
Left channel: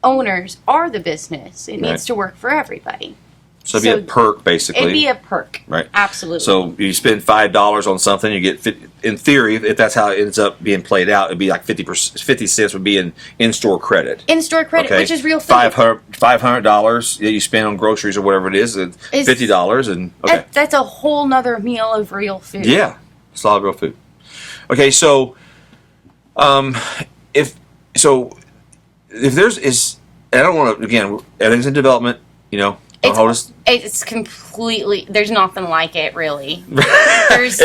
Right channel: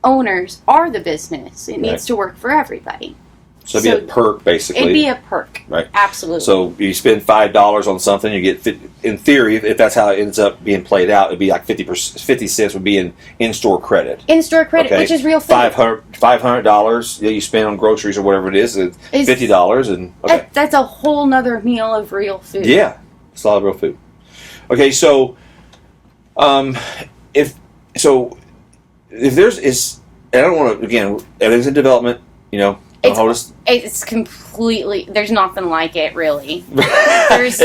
owners are the business, it needs to work for everybody. So it'd be a perk, basically. It'd be a perk. Right. Absolutely. So you spend $5 on something, you get, in theory, if that's how it ends up being played out, it'd be like 50 cents would be in-store credit. In-store credit, Okay. which is real food. $500 you spend on groceries or whatever it is, it's $50. And okay. That's a whole nother meal of real food. Yeah. It's a lot of real food. Okay, so if there's and I don't want to, again, everything's in development, don't hold us. It's completely, there's nothing like it, really. This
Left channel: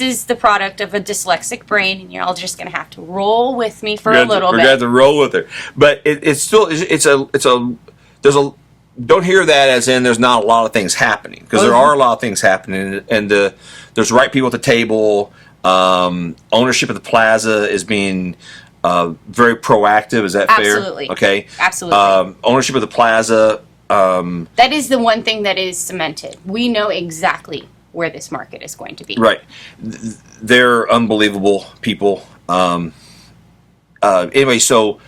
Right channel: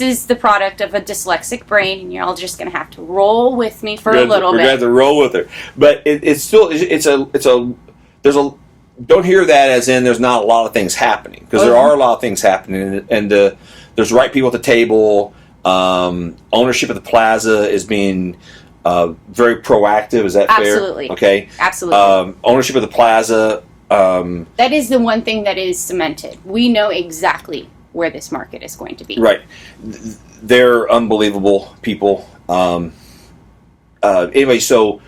is the product of a dyslexic brain, and you're all just going to have to roll with me for a little We're bit. gonna have to roll with it, but it's still don't hear that as in there's not a lot of things happening, because there are a lot of things happening, and there's the right people at the table. Ownership of the plaza is being very proactive. Is that fair? Absolutely. Okay. Absolutely. Ownership of the plaza. That is the one thing that is cemented. We know exactly where this market is going to be. Right. They're unbelievable people. Anyway, so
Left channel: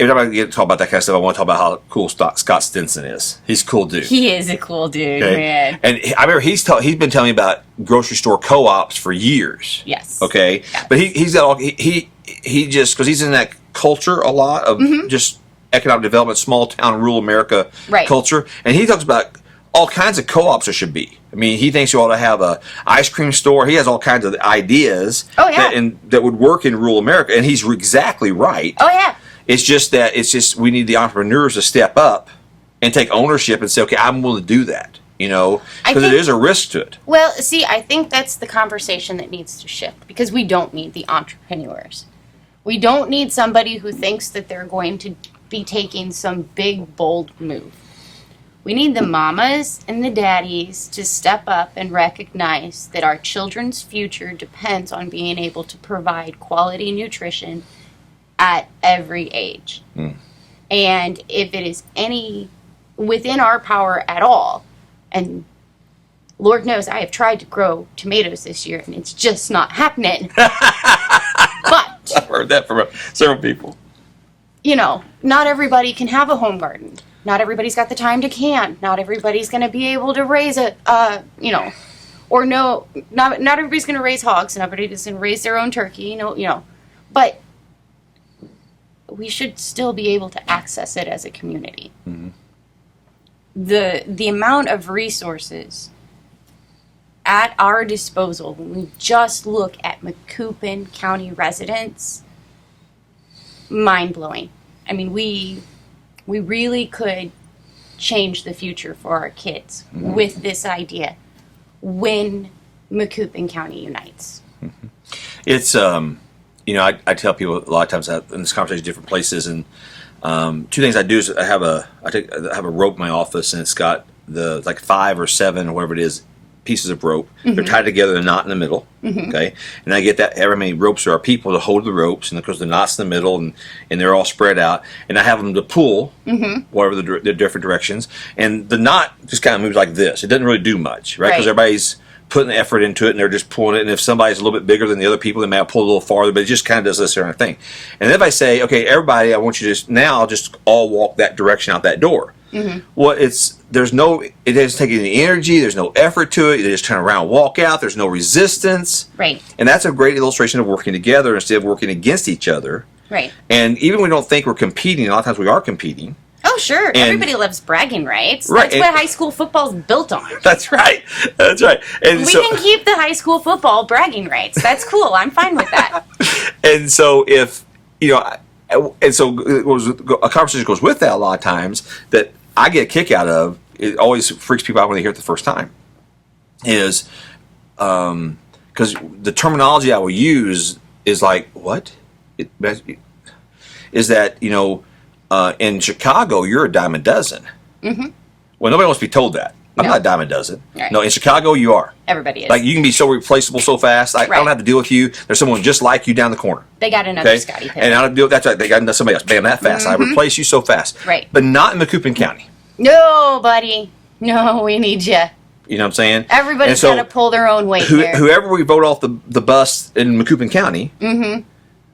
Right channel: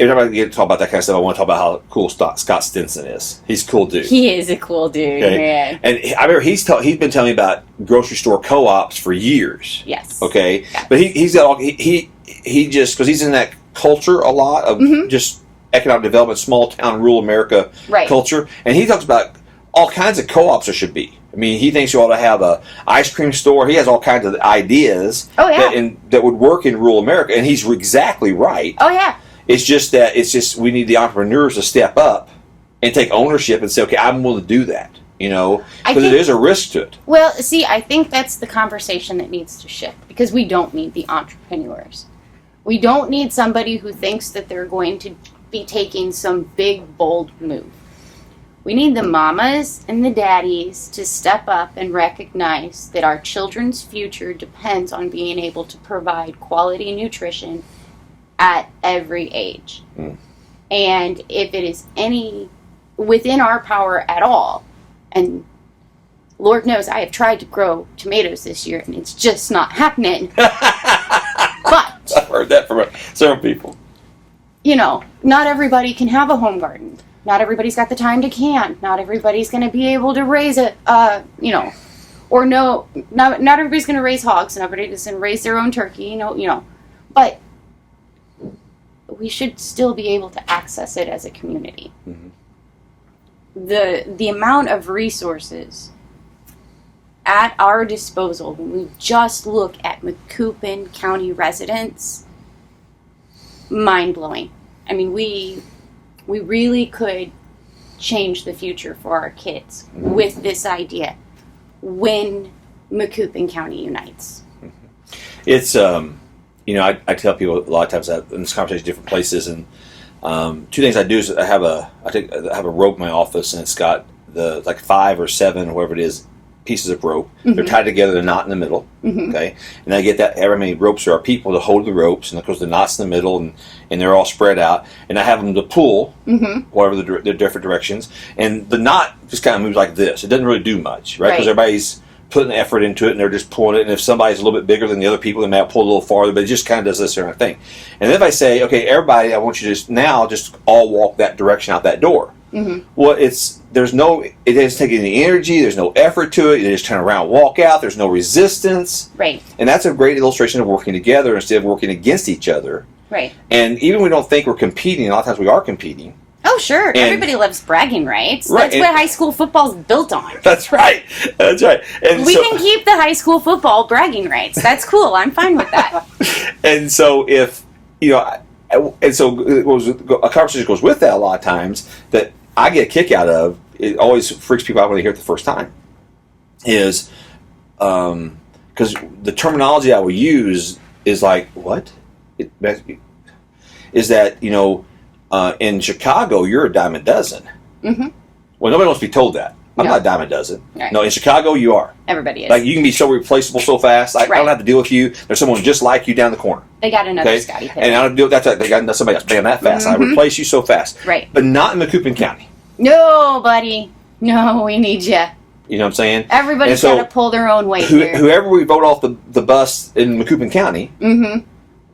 every time I get to talk about that kind of stuff, I want to talk about how cool Scott Stinson is. He's a cool dude. He is a cool dude, Okay? man. And I remember he's been telling me about grocery store co-ops for years. Yes. Okay, but he's got all, he just, because he's in that culture a lot of just economic development, small town, rural America culture, and he talks about all kinds of co-ops there should be. I mean, he thinks you ought to have a ice cream store. He has all kinds of ideas that would work in rural America, and he's exactly right. Oh yeah. It's just we need the entrepreneurs to step up and take ownership and say, okay, I'm willing to do that. Because it is a risk to it. Well, see, I think that's the conversation that needs to shift, because we don't need the entrepreneurs. We don't need somebody who thinks that they're going to be taking some big, bold move. We need the mamas and the daddies to step up and recognize that our children's future depends on being able to provide quality nutrition at every age. And if it is any within our power at all, and Lord knows I have tried to grow tomatoes this year and it's just not happening. But I've heard that from several people. Not everybody can have a home garden. Not everybody's got the time to can. Not everybody's going to be able to raise it, or not everybody's going to raise hogs. Not everybody's going to raise their own turkey, But we should still be able to access it as a community. The amount of resources at our disposal when we just look at Macoupin County residents, mind-blowing. I mean, we really could change the future for our kids with this idea when Macoupin County unites. It's I tell people a lot of times that in this conversation, different places, and two things I do is I have a rope in my office, and it's got the 5 or 7 or whatever it is pieces of rope. They're tied together, they're not in the middle. Okay, and I get that however many ropes there are people to hold the ropes, and of course the knots in the middle, and they're all spread out, and I have them to pull whatever the different directions, and the knot just kind of moves like this. It doesn't really do much, right? Because everybody's putting effort into it, and they're just pulling it. And if somebody's a little bit bigger than the other people, they may pull a little farther, but it just kind of does this sort of thing. And then if I say, okay, everybody, I want you to just all walk that direction out that door. Well, it has taken any energy. There's no effort to it. You just turn around, walk out. There's no resistance. Right. And that's a great illustration of working together instead of working against each other. Right. And even when we don't think we're competing, a lot of times we are competing. Oh, sure. And everybody loves bragging rights. Right. That's what high school football's built on. That's right. That's right. And we can keep the high school football bragging rights. That's cool. I'm fine with that. And so and so a conversation goes with that a lot of times that I get a kick out of. It always freaks people out when they hear it the first time. Is because the terminology I will use is like, what? Is that, in Chicago, you're a dime a dozen. Well, nobody wants to be told that. I'm not a dime a dozen. Right. No, in Chicago, you are. Everybody is. Like, you can be so replaceable so fast. I don't have to deal with you. There's someone just like you down the corner. They got another Scotty Pippen. And I don't deal with that. They got somebody else. They got that fast. I replace you so fast. Right. But not in Macoupin County. No, buddy. No, we need you. You know what I'm saying? Everybody's got to pull their own weight there. Whoever we vote off the bus in Macoupin County,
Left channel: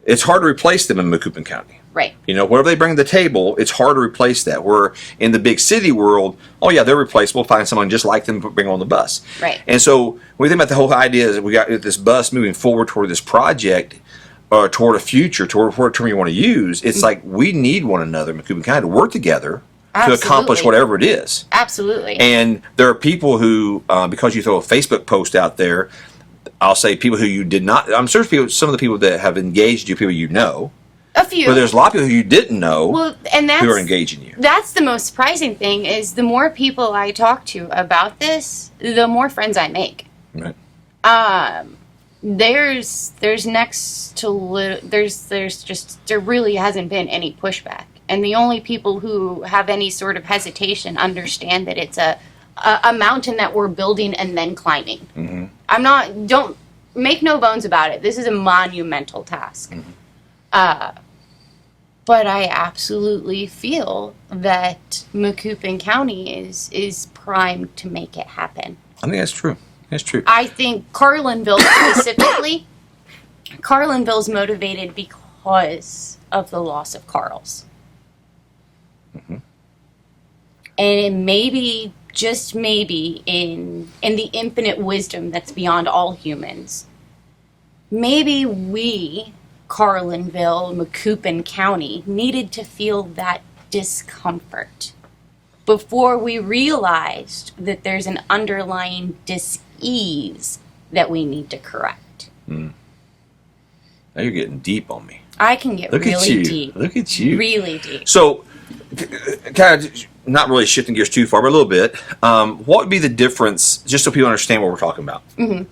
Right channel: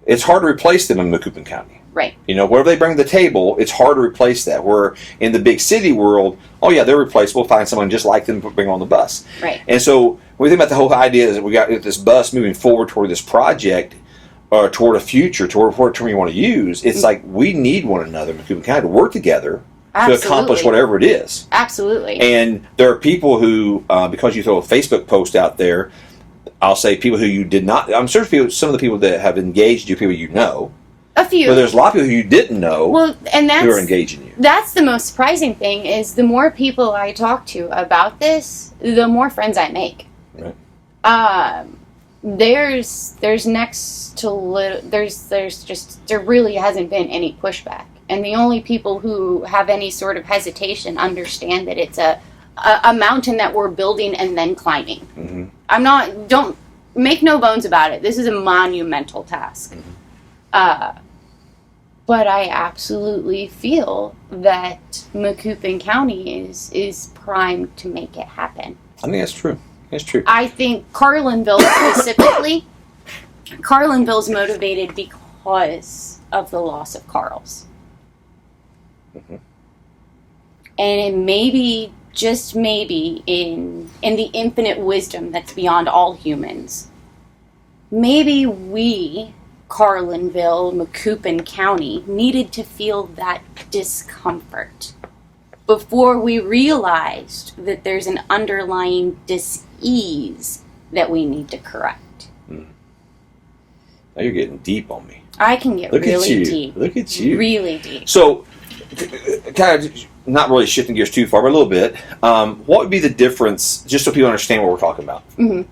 it's hard to replace them in Macoupin County. Right. Whatever they bring to the table, it's hard to replace that. Where in the big city world, oh yeah, they're replaceable. Find someone just like them to bring on the bus. Right. And so when we think about the whole idea is that we got this bus moving forward toward this project, or toward a future, toward whatever term you want to use, it's like we need one another in Macoupin County to work togetber to accomplish whatever it is. Absolutely. And there are people who, because you throw a Facebook post out there, I'll say people who you did not. I'm sure some of the people that have engaged you, people you know. A few. But there's a lot of people who you didn't know who are engaging you. That's the most surprising thing is the more people I talk to about this, the more friends I make. Right. There's next to there really hasn't been any pushback. And the only people who have any sort of hesitation understand that it's a mountain that we're building and then climbing. Don't make no bones about it. This is a monumental task. But I absolutely feel that Macoupin County is primed to make it happen. I think that's true. That's true. I think Carlinville specifically, Carlinville's motivated because of the loss of Carl's. And it maybe, just maybe, in the infinite wisdom that's beyond all humans, maybe we, Carlinville, Macoupin County, needed to feel that discomfort before we realized that there's an underlying dis-ease that we need to correct. Now you're getting deep on me. I can get really deep. Look at you. Really deep. So, kind of not really shifting gears too far, but a little bit. What would be the difference, just so people understand what we're talking about? Mm-hmm.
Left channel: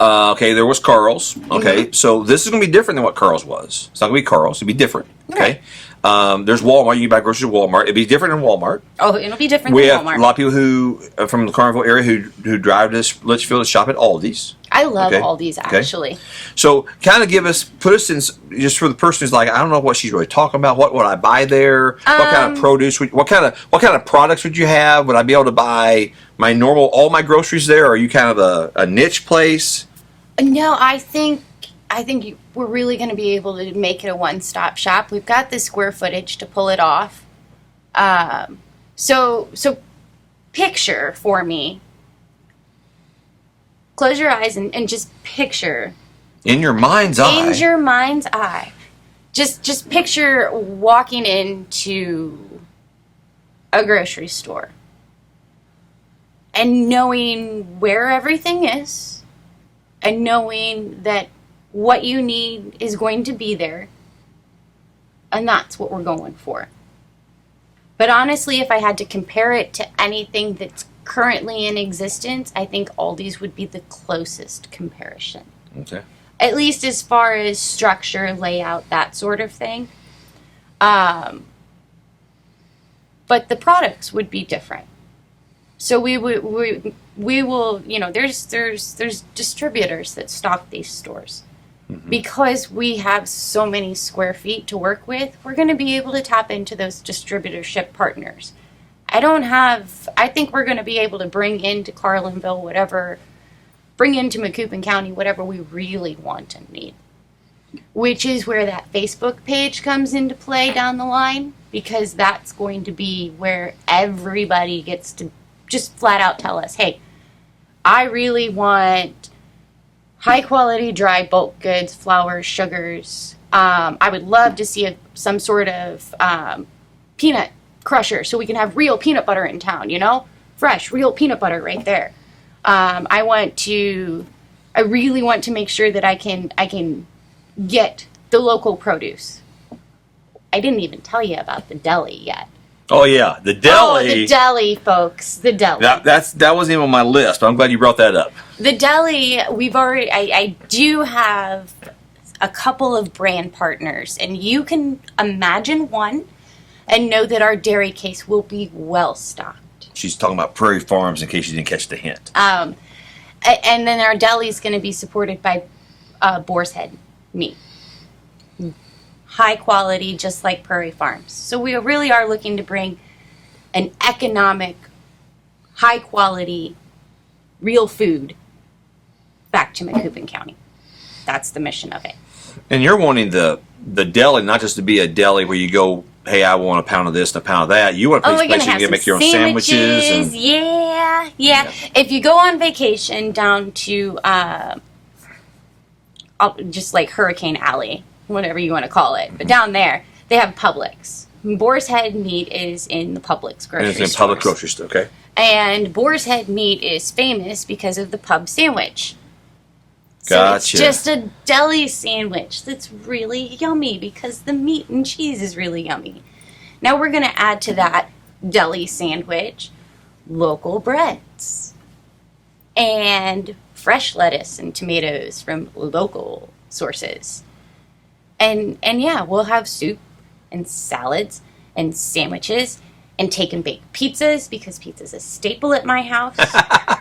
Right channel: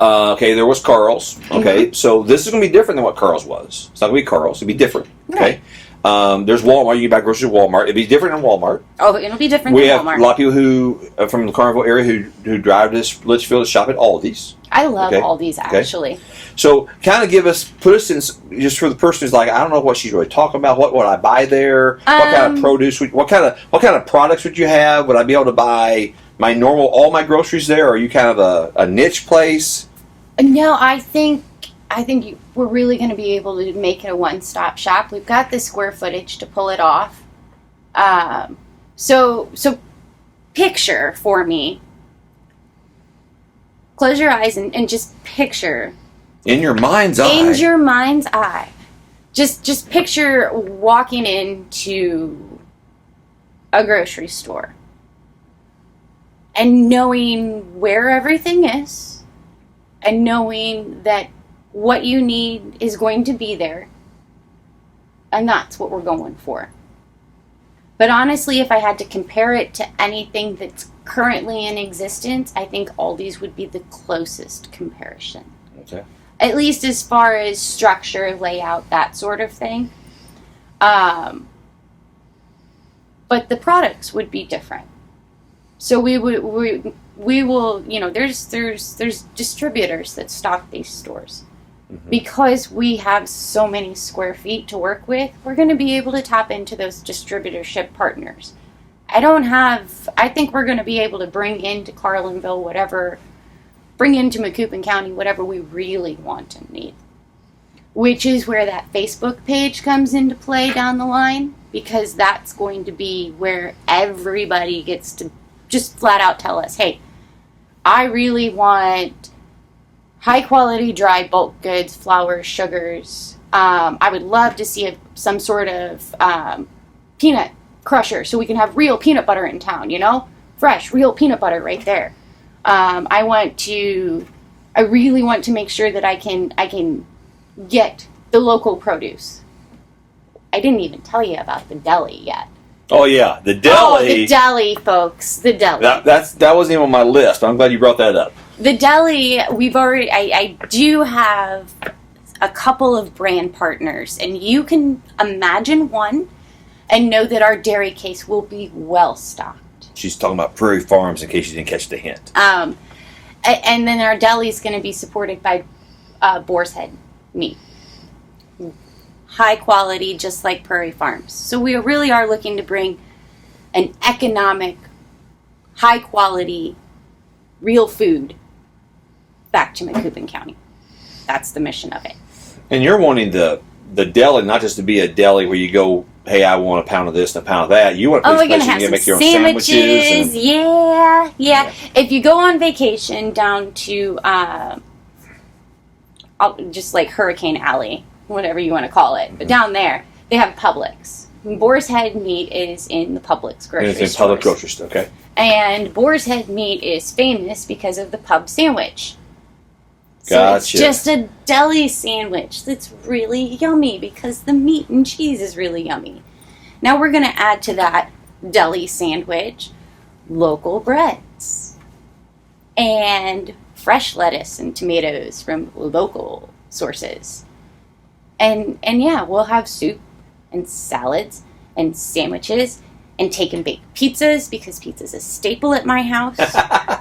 Okay, there was Carl's. Okay, so this is going to be different than what Carl's was. It's not going to be Carl's. It'll be different. Okay. Right. There's Walmart. You can buy groceries at Walmart. It'll be different than Walmart. Oh, it'll be different We than have Walmart. a lot of people who from the Carlinville area who drive to Litchfield to shop at Aldi's. I love Okay. Aldi's, actually. So, kind of put us in, just for the person who's like, I don't know what she's really talking about. What would I buy there? What kind of produce? What kind of products would you have? Would I be able to buy all my groceries there? Or are you kind of a niche place? No, I think we're really going to be able to make it a one-stop shop. We've got the square footage to pull it off. So picture for me. Close your eyes and just picture. In your mind's eye. In your mind's eye. Just picture walking into a grocery store and knowing where everything is and knowing that what you need is going to be there, and that's what we're going for. But honestly, if I had to compare it to anything that's currently in existence, I think Aldi's would be the closest comparison. Okay. At least as far as structure, layout, that sort of thing. But the products would be different. So we will, there's distributors that stock these stores. Mm-hmm. Because we have so many square feet to work with, we're going to be able to tap into those distributorship partners. I think we're going to be able to bring into Carlinville bring into Macoupin County whatever we really want and need. Which is where that Facebook page comes into play down the line, because that's going to be where everybody gets to just flat out tell us, hey, I really want high quality dry bulk goods, flours, sugars. I would love to see some sort of peanut crusher so we can have real peanut butter in town, fresh, real peanut butter right there. I really want to make sure that I can get the local produce. I didn't even tell you about the deli yet. Oh yeah, the deli. Oh, the deli, folks, the deli. That wasn't even on my list, but I'm glad you brought that up. The deli, I do have a couple of brand partners, and you can imagine one and know that our dairy case will be well stocked. She's talking about Prairie Farms, in case you didn't catch the hint. And then our deli is going to be supported by boar's head meat. High quality, just like Prairie Farms. So we really are looking to bring an economic, high quality, real food back to Macoupin County. That's the mission of it. And you're wanting the deli not just to be a deli where you go, hey, I want a pound of this and a pound of that. You want a place where you can make your own sandwiches. Yeah. If you go on vacation down to just like Hurricane Alley, whatever you want to call it, but down there they have Publix. Boar's Head meat is in the Publix grocery store. It's in Publix grocery store, okay. And Boar's Head meat is famous because of the pub sandwich. So Gotcha. it's just a deli sandwich that's really yummy because the meat and cheese is really yummy. Now we're going to add to that deli sandwich local breads and fresh lettuce and tomatoes from local sources. And yeah, we'll have soup and salads and sandwiches and take and bake pizzas, because pizza's a staple at my house.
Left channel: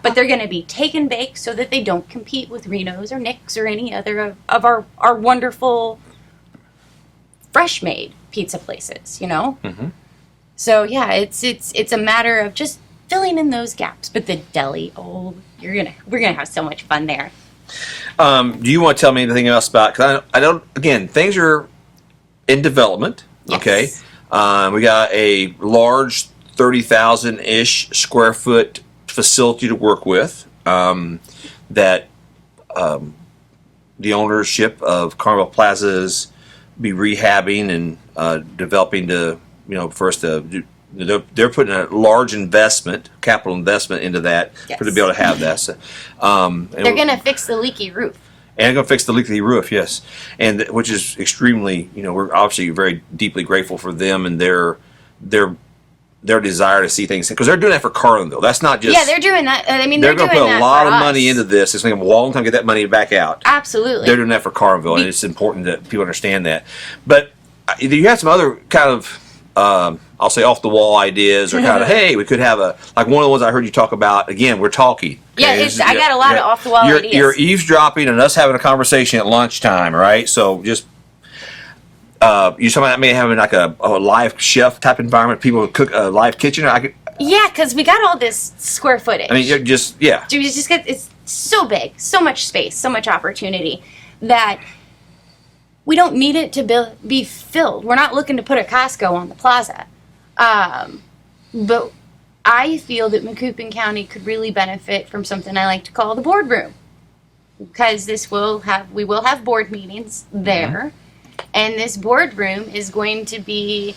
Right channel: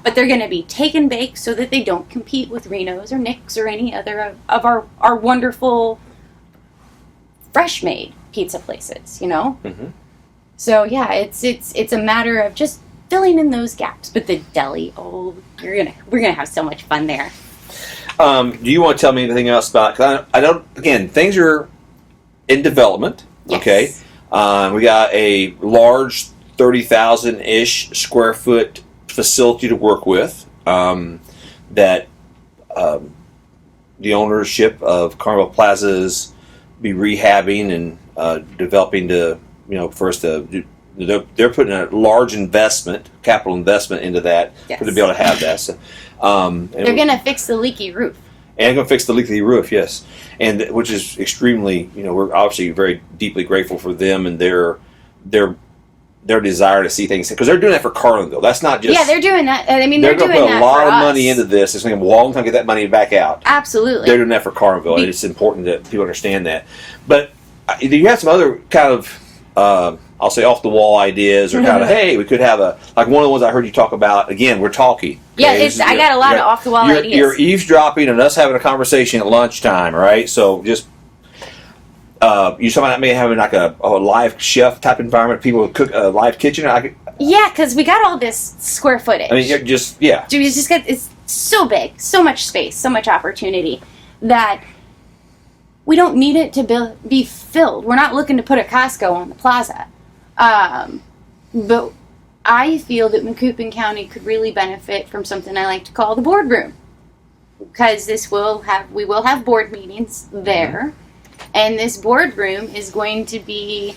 But they're going to be take and bake so that they don't compete with Reno's or Nick's or any other of our wonderful fresh made pizza places, Mm-hmm. So yeah, it's a matter of just filling in those gaps. But the deli, we're gonna have so much fun there. Do you want to tell me anything else about? Because I don't. Again, things are in development. Yes. Okay. We got a large 30,000-ish square foot facility to work with that the ownership of Carlinville Plazas be rehabbing and developing to, first they're putting a large capital investment into that Yes. to be able to have that. So, They're going to fix the leaky roof. and going to fix the leaky roof, yes, and which is extremely, we're obviously very deeply grateful for them and their desire to see things, because they're doing that for Carlinville. That's not just They're doing that. I mean, they're they're going to doing put a that lot for of money us. into this. It's going to take a long time to get that money back out. Absolutely. They're doing that for Carlinville, and it's important that people understand that. But you have some other kind of, I'll say, off the wall ideas, or kind of, hey, we could have like one of the ones I heard you talk about. Again, we're talking. Yeah, I got a lot of off the wall ideas. You're eavesdropping and us having a conversation at lunchtime, right? So just. You're talking about maybe having like a live chef type environment, people would cook a live kitchen. Yeah, because we got all this square footage. I mean, you're just It's so big, so much space, so much opportunity that we don't need it to be filled. We're not looking to put a Costco on the plaza. But I feel that Macoupin County could really benefit from something I like to call the boardroom, because we will have board meetings there. And this boardroom is going to be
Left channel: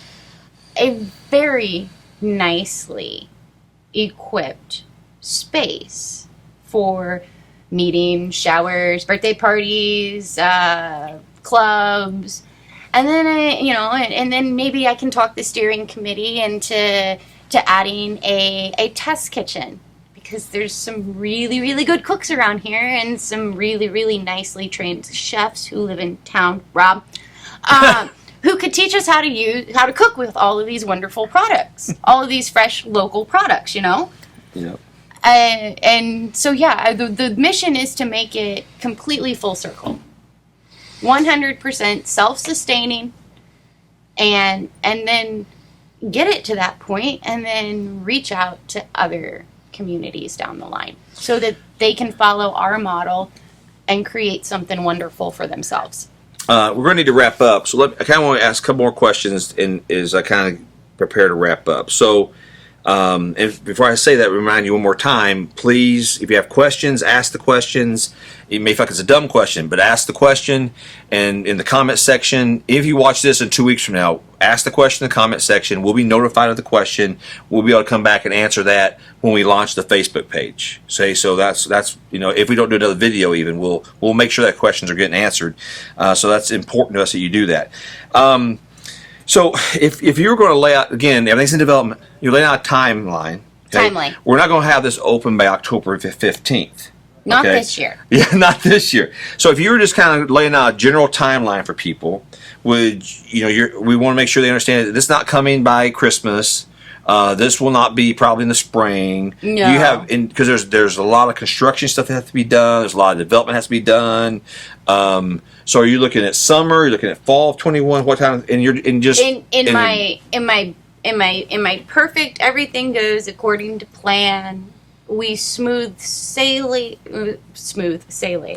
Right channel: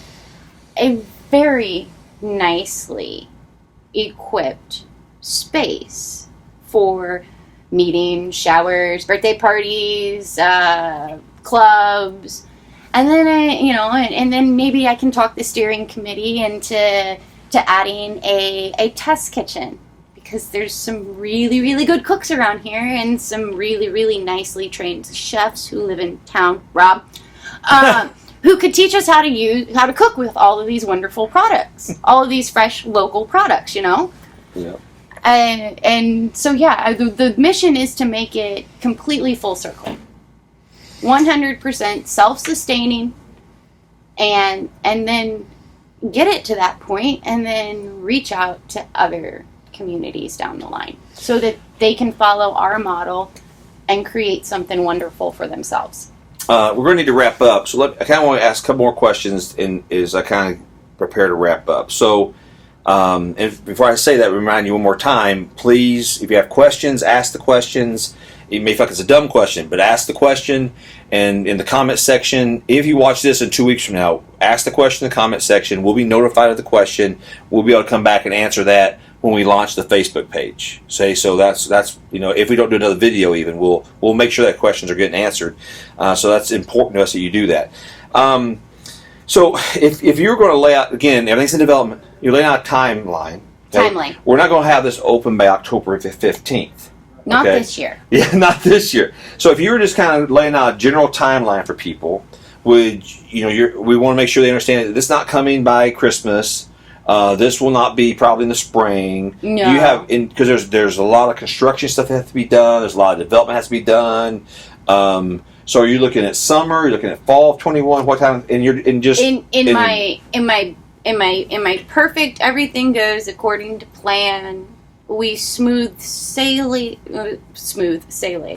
a very nicely equipped space for meetings, showers, birthday parties, clubs, and then and then maybe I can talk the steering committee into adding a test kitchen, because there's some really, really good cooks around here and some really, really nicely trained chefs who live in town. Rob. Who could teach us how to cook with all of these wonderful products, all of these fresh local products, Yeah. And so the mission is to make it completely full circle, 100% self-sustaining, and then get it to that point, and then reach out to other communities down the line so that they can follow our model and create something wonderful for themselves. We're going to need to wrap up, so I kind of want to ask a couple more questions as I kind of prepare to wrap up. So, and before I say that, remind you one more time, please, if you have questions, ask the questions. You may feel like it's a dumb question, but ask the question, and in the comment section, if you watch this in 2 weeks from now, ask the question in the comment section. We'll be notified of the question. We'll be able to come back and answer that when we launch the Facebook page. So that's if we don't do another video, even we'll make sure that questions are getting answered. So that's important to us that you do that. So if you're going to lay out, again, everything's in development, you're laying out a timeline. Okay? Timeline. We're not going to have this open by October 15th. Not Okay? this year. Yeah, not this year. So if you were just kind of laying out a general timeline for people, we want to make sure they understand that this is not coming by Christmas. This will not be probably in the spring. No. You have, because there's a lot of construction stuff that has to be done. There's a lot of development has to be done. So are you looking at summer? You're looking at fall of 21. What time? And you're in my perfect, everything goes according to plan. We smooth sailing.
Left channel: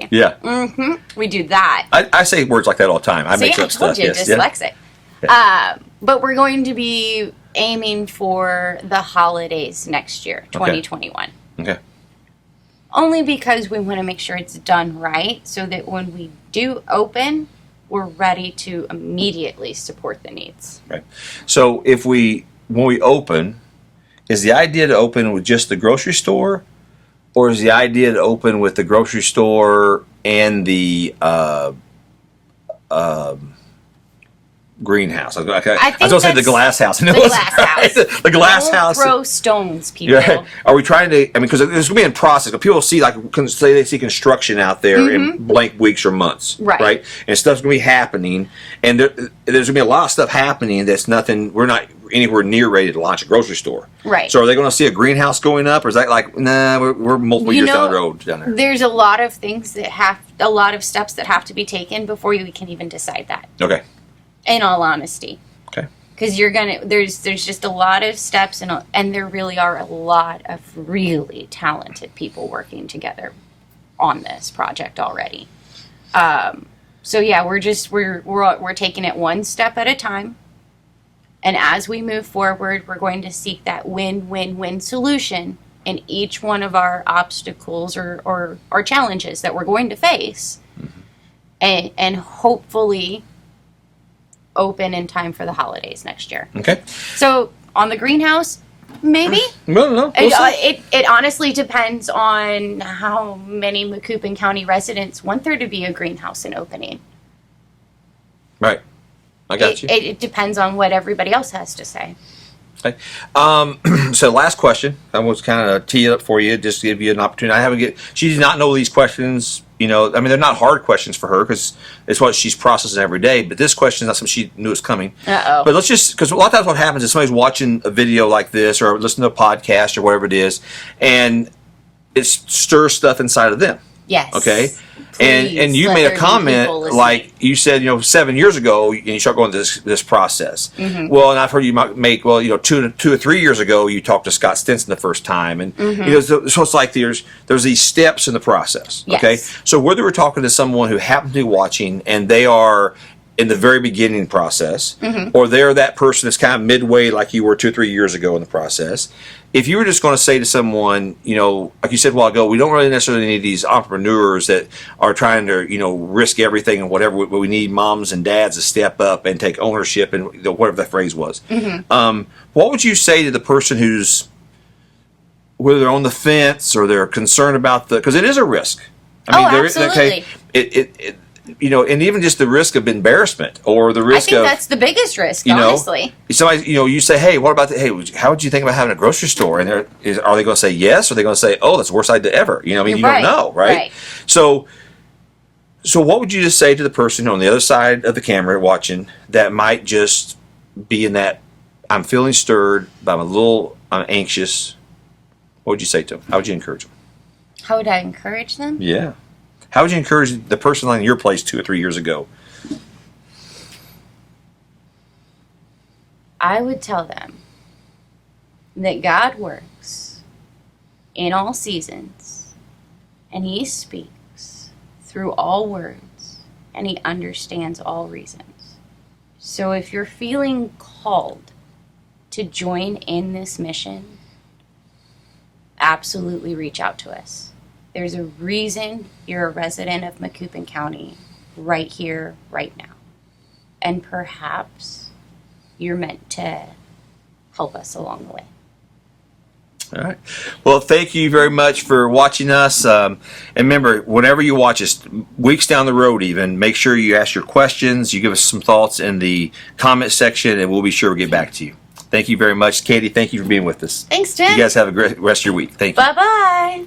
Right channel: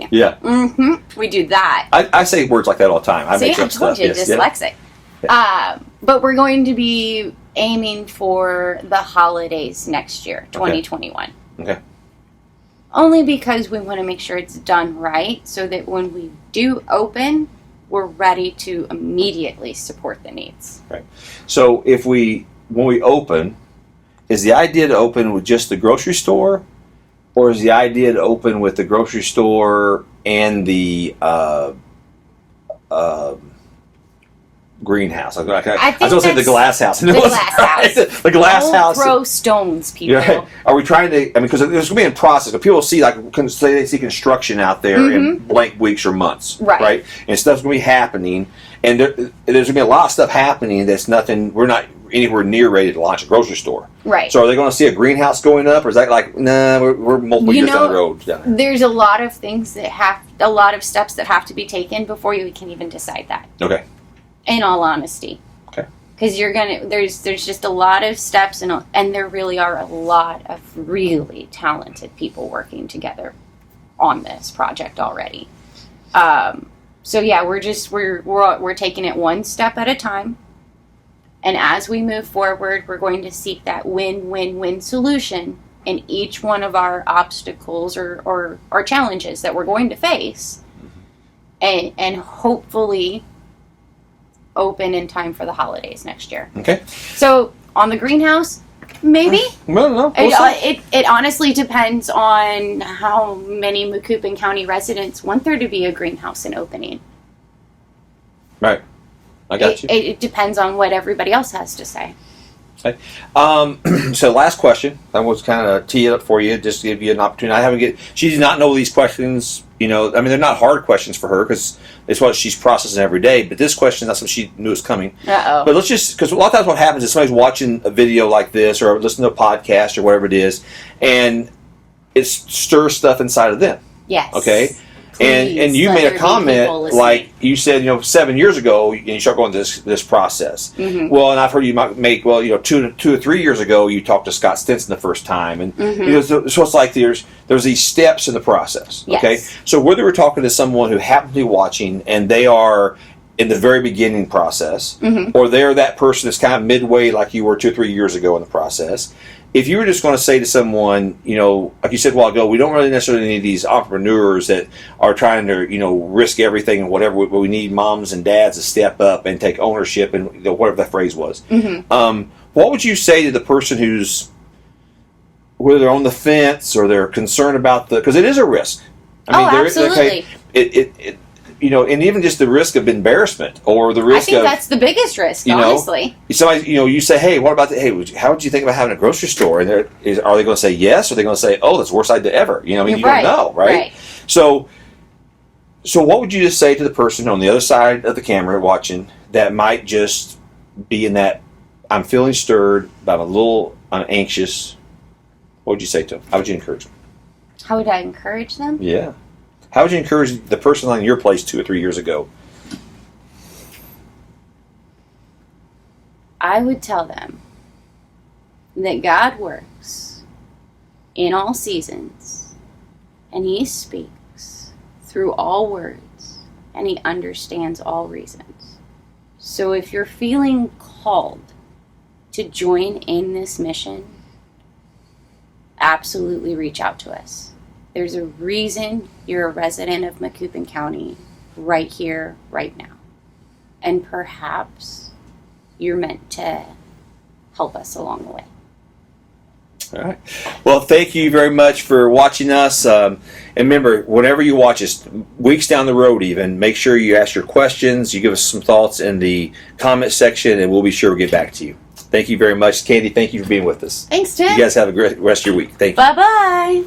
Yeah. We do that. I say words like that all the time. I make up stuff. You, Yes, dyslexic. Yeah. But we're going to be aiming for the holidays next year, 2021. Okay. Only because we want to make sure it's done right, so that when we do open, we're ready to immediately support the needs. Right. So when we open, is the idea to open with just the grocery store, or is the idea to open with the grocery store and the greenhouse? I was going to say the glass house. The glass house. The glass Don't house. throw stones, people. Yeah. Are we trying to? I mean, because this will be in process. But people see say they see construction out there in blank weeks or months, Right. And stuff's going to be happening, and there's going to be a lot of stuff happening that's nothing. We're not anywhere near ready to launch a grocery store, Right. So are they going to see a greenhouse going up, or is that like, nah, we're multiple years down the road down there? There's a lot of things a lot of steps that have to be taken before you can even decide that. Okay. In all honesty. Okay. Because there's just a lot of steps, and there really are a lot of really talented people working together on this project already. So yeah, we're taking it one step at a time, And as we move forward, we're going to seek that win-win-win solution in each one of our obstacles or challenges that we're going to face. And hopefully open in time for the holidays next year. Okay. So on the greenhouse, maybe. No. It honestly depends on how many Macoupin County residents want there to be a greenhouse and opening. Right. I got you. It depends on what everybody else has to say. Okay. So last question. I was kind of tee it up for you, just to give you an opportunity. She did not know these questions. You know, I mean, they're not hard questions for her because it's what she's processing every day. But this question is not something she knew was coming. But let's just, because a lot of times what happens is somebody's watching a video like this or listening to a podcast or whatever it is, and it stirs stuff inside of them. Yes. Okay. Please, and you made a comment like you said, 7 years ago, and you start going through this process. Mm-hmm. Well, and I've heard you might make 2 or 3 years ago, you talked to Scott Stinson the first time, and so it's like there's these steps in the process. Yes. Okay, so whether we're talking to someone who happens to be watching and they are in the very beginning process, or they're that person that's kind of midway, like you were 2 or 3 years ago in the process. If you were just going to say to someone, like you said a while ago, we don't really necessarily need these entrepreneurs that are trying to, risk everything and whatever, but we need moms and dads to step up and take ownership and whatever that phrase was. What would you say to the person whether they're on the fence or they're concerned about because it is a risk. Absolutely. And even just the risk of embarrassment or the risk I think that's the biggest risk, honestly. Somebody, you say, hey, what about how would you think about having a grocery store? And are they going to say yes, or are they going to say, oh, that's the worst idea ever? You don't know, right? So what would you just say to the person on the other side of the camera watching that might just be in that, I'm feeling stirred, I'm anxious? What would you say to them? How would you encourage them? How would I encourage them? Yeah. How would you encourage the person on your place 2 or 3 years ago? I would tell them that God works in all seasons, and He speaks through all words, and He understands all reasons. So if you're feeling called to join in this mission, absolutely reach out to us. There's a reason you're a resident of Macoupin County right here, right now. And perhaps you're meant to help us along the way. All right. Well, thank you very much for watching us. And remember, whenever you watch us, weeks down the road even, make sure you ask your questions. You give us some thoughts in the comment section, and we'll be sure to get back to you. Thank you very much. Candi, thank you for being with us. Thanks, Tim. You guys have a great rest of your week. Thank you. Bye-bye.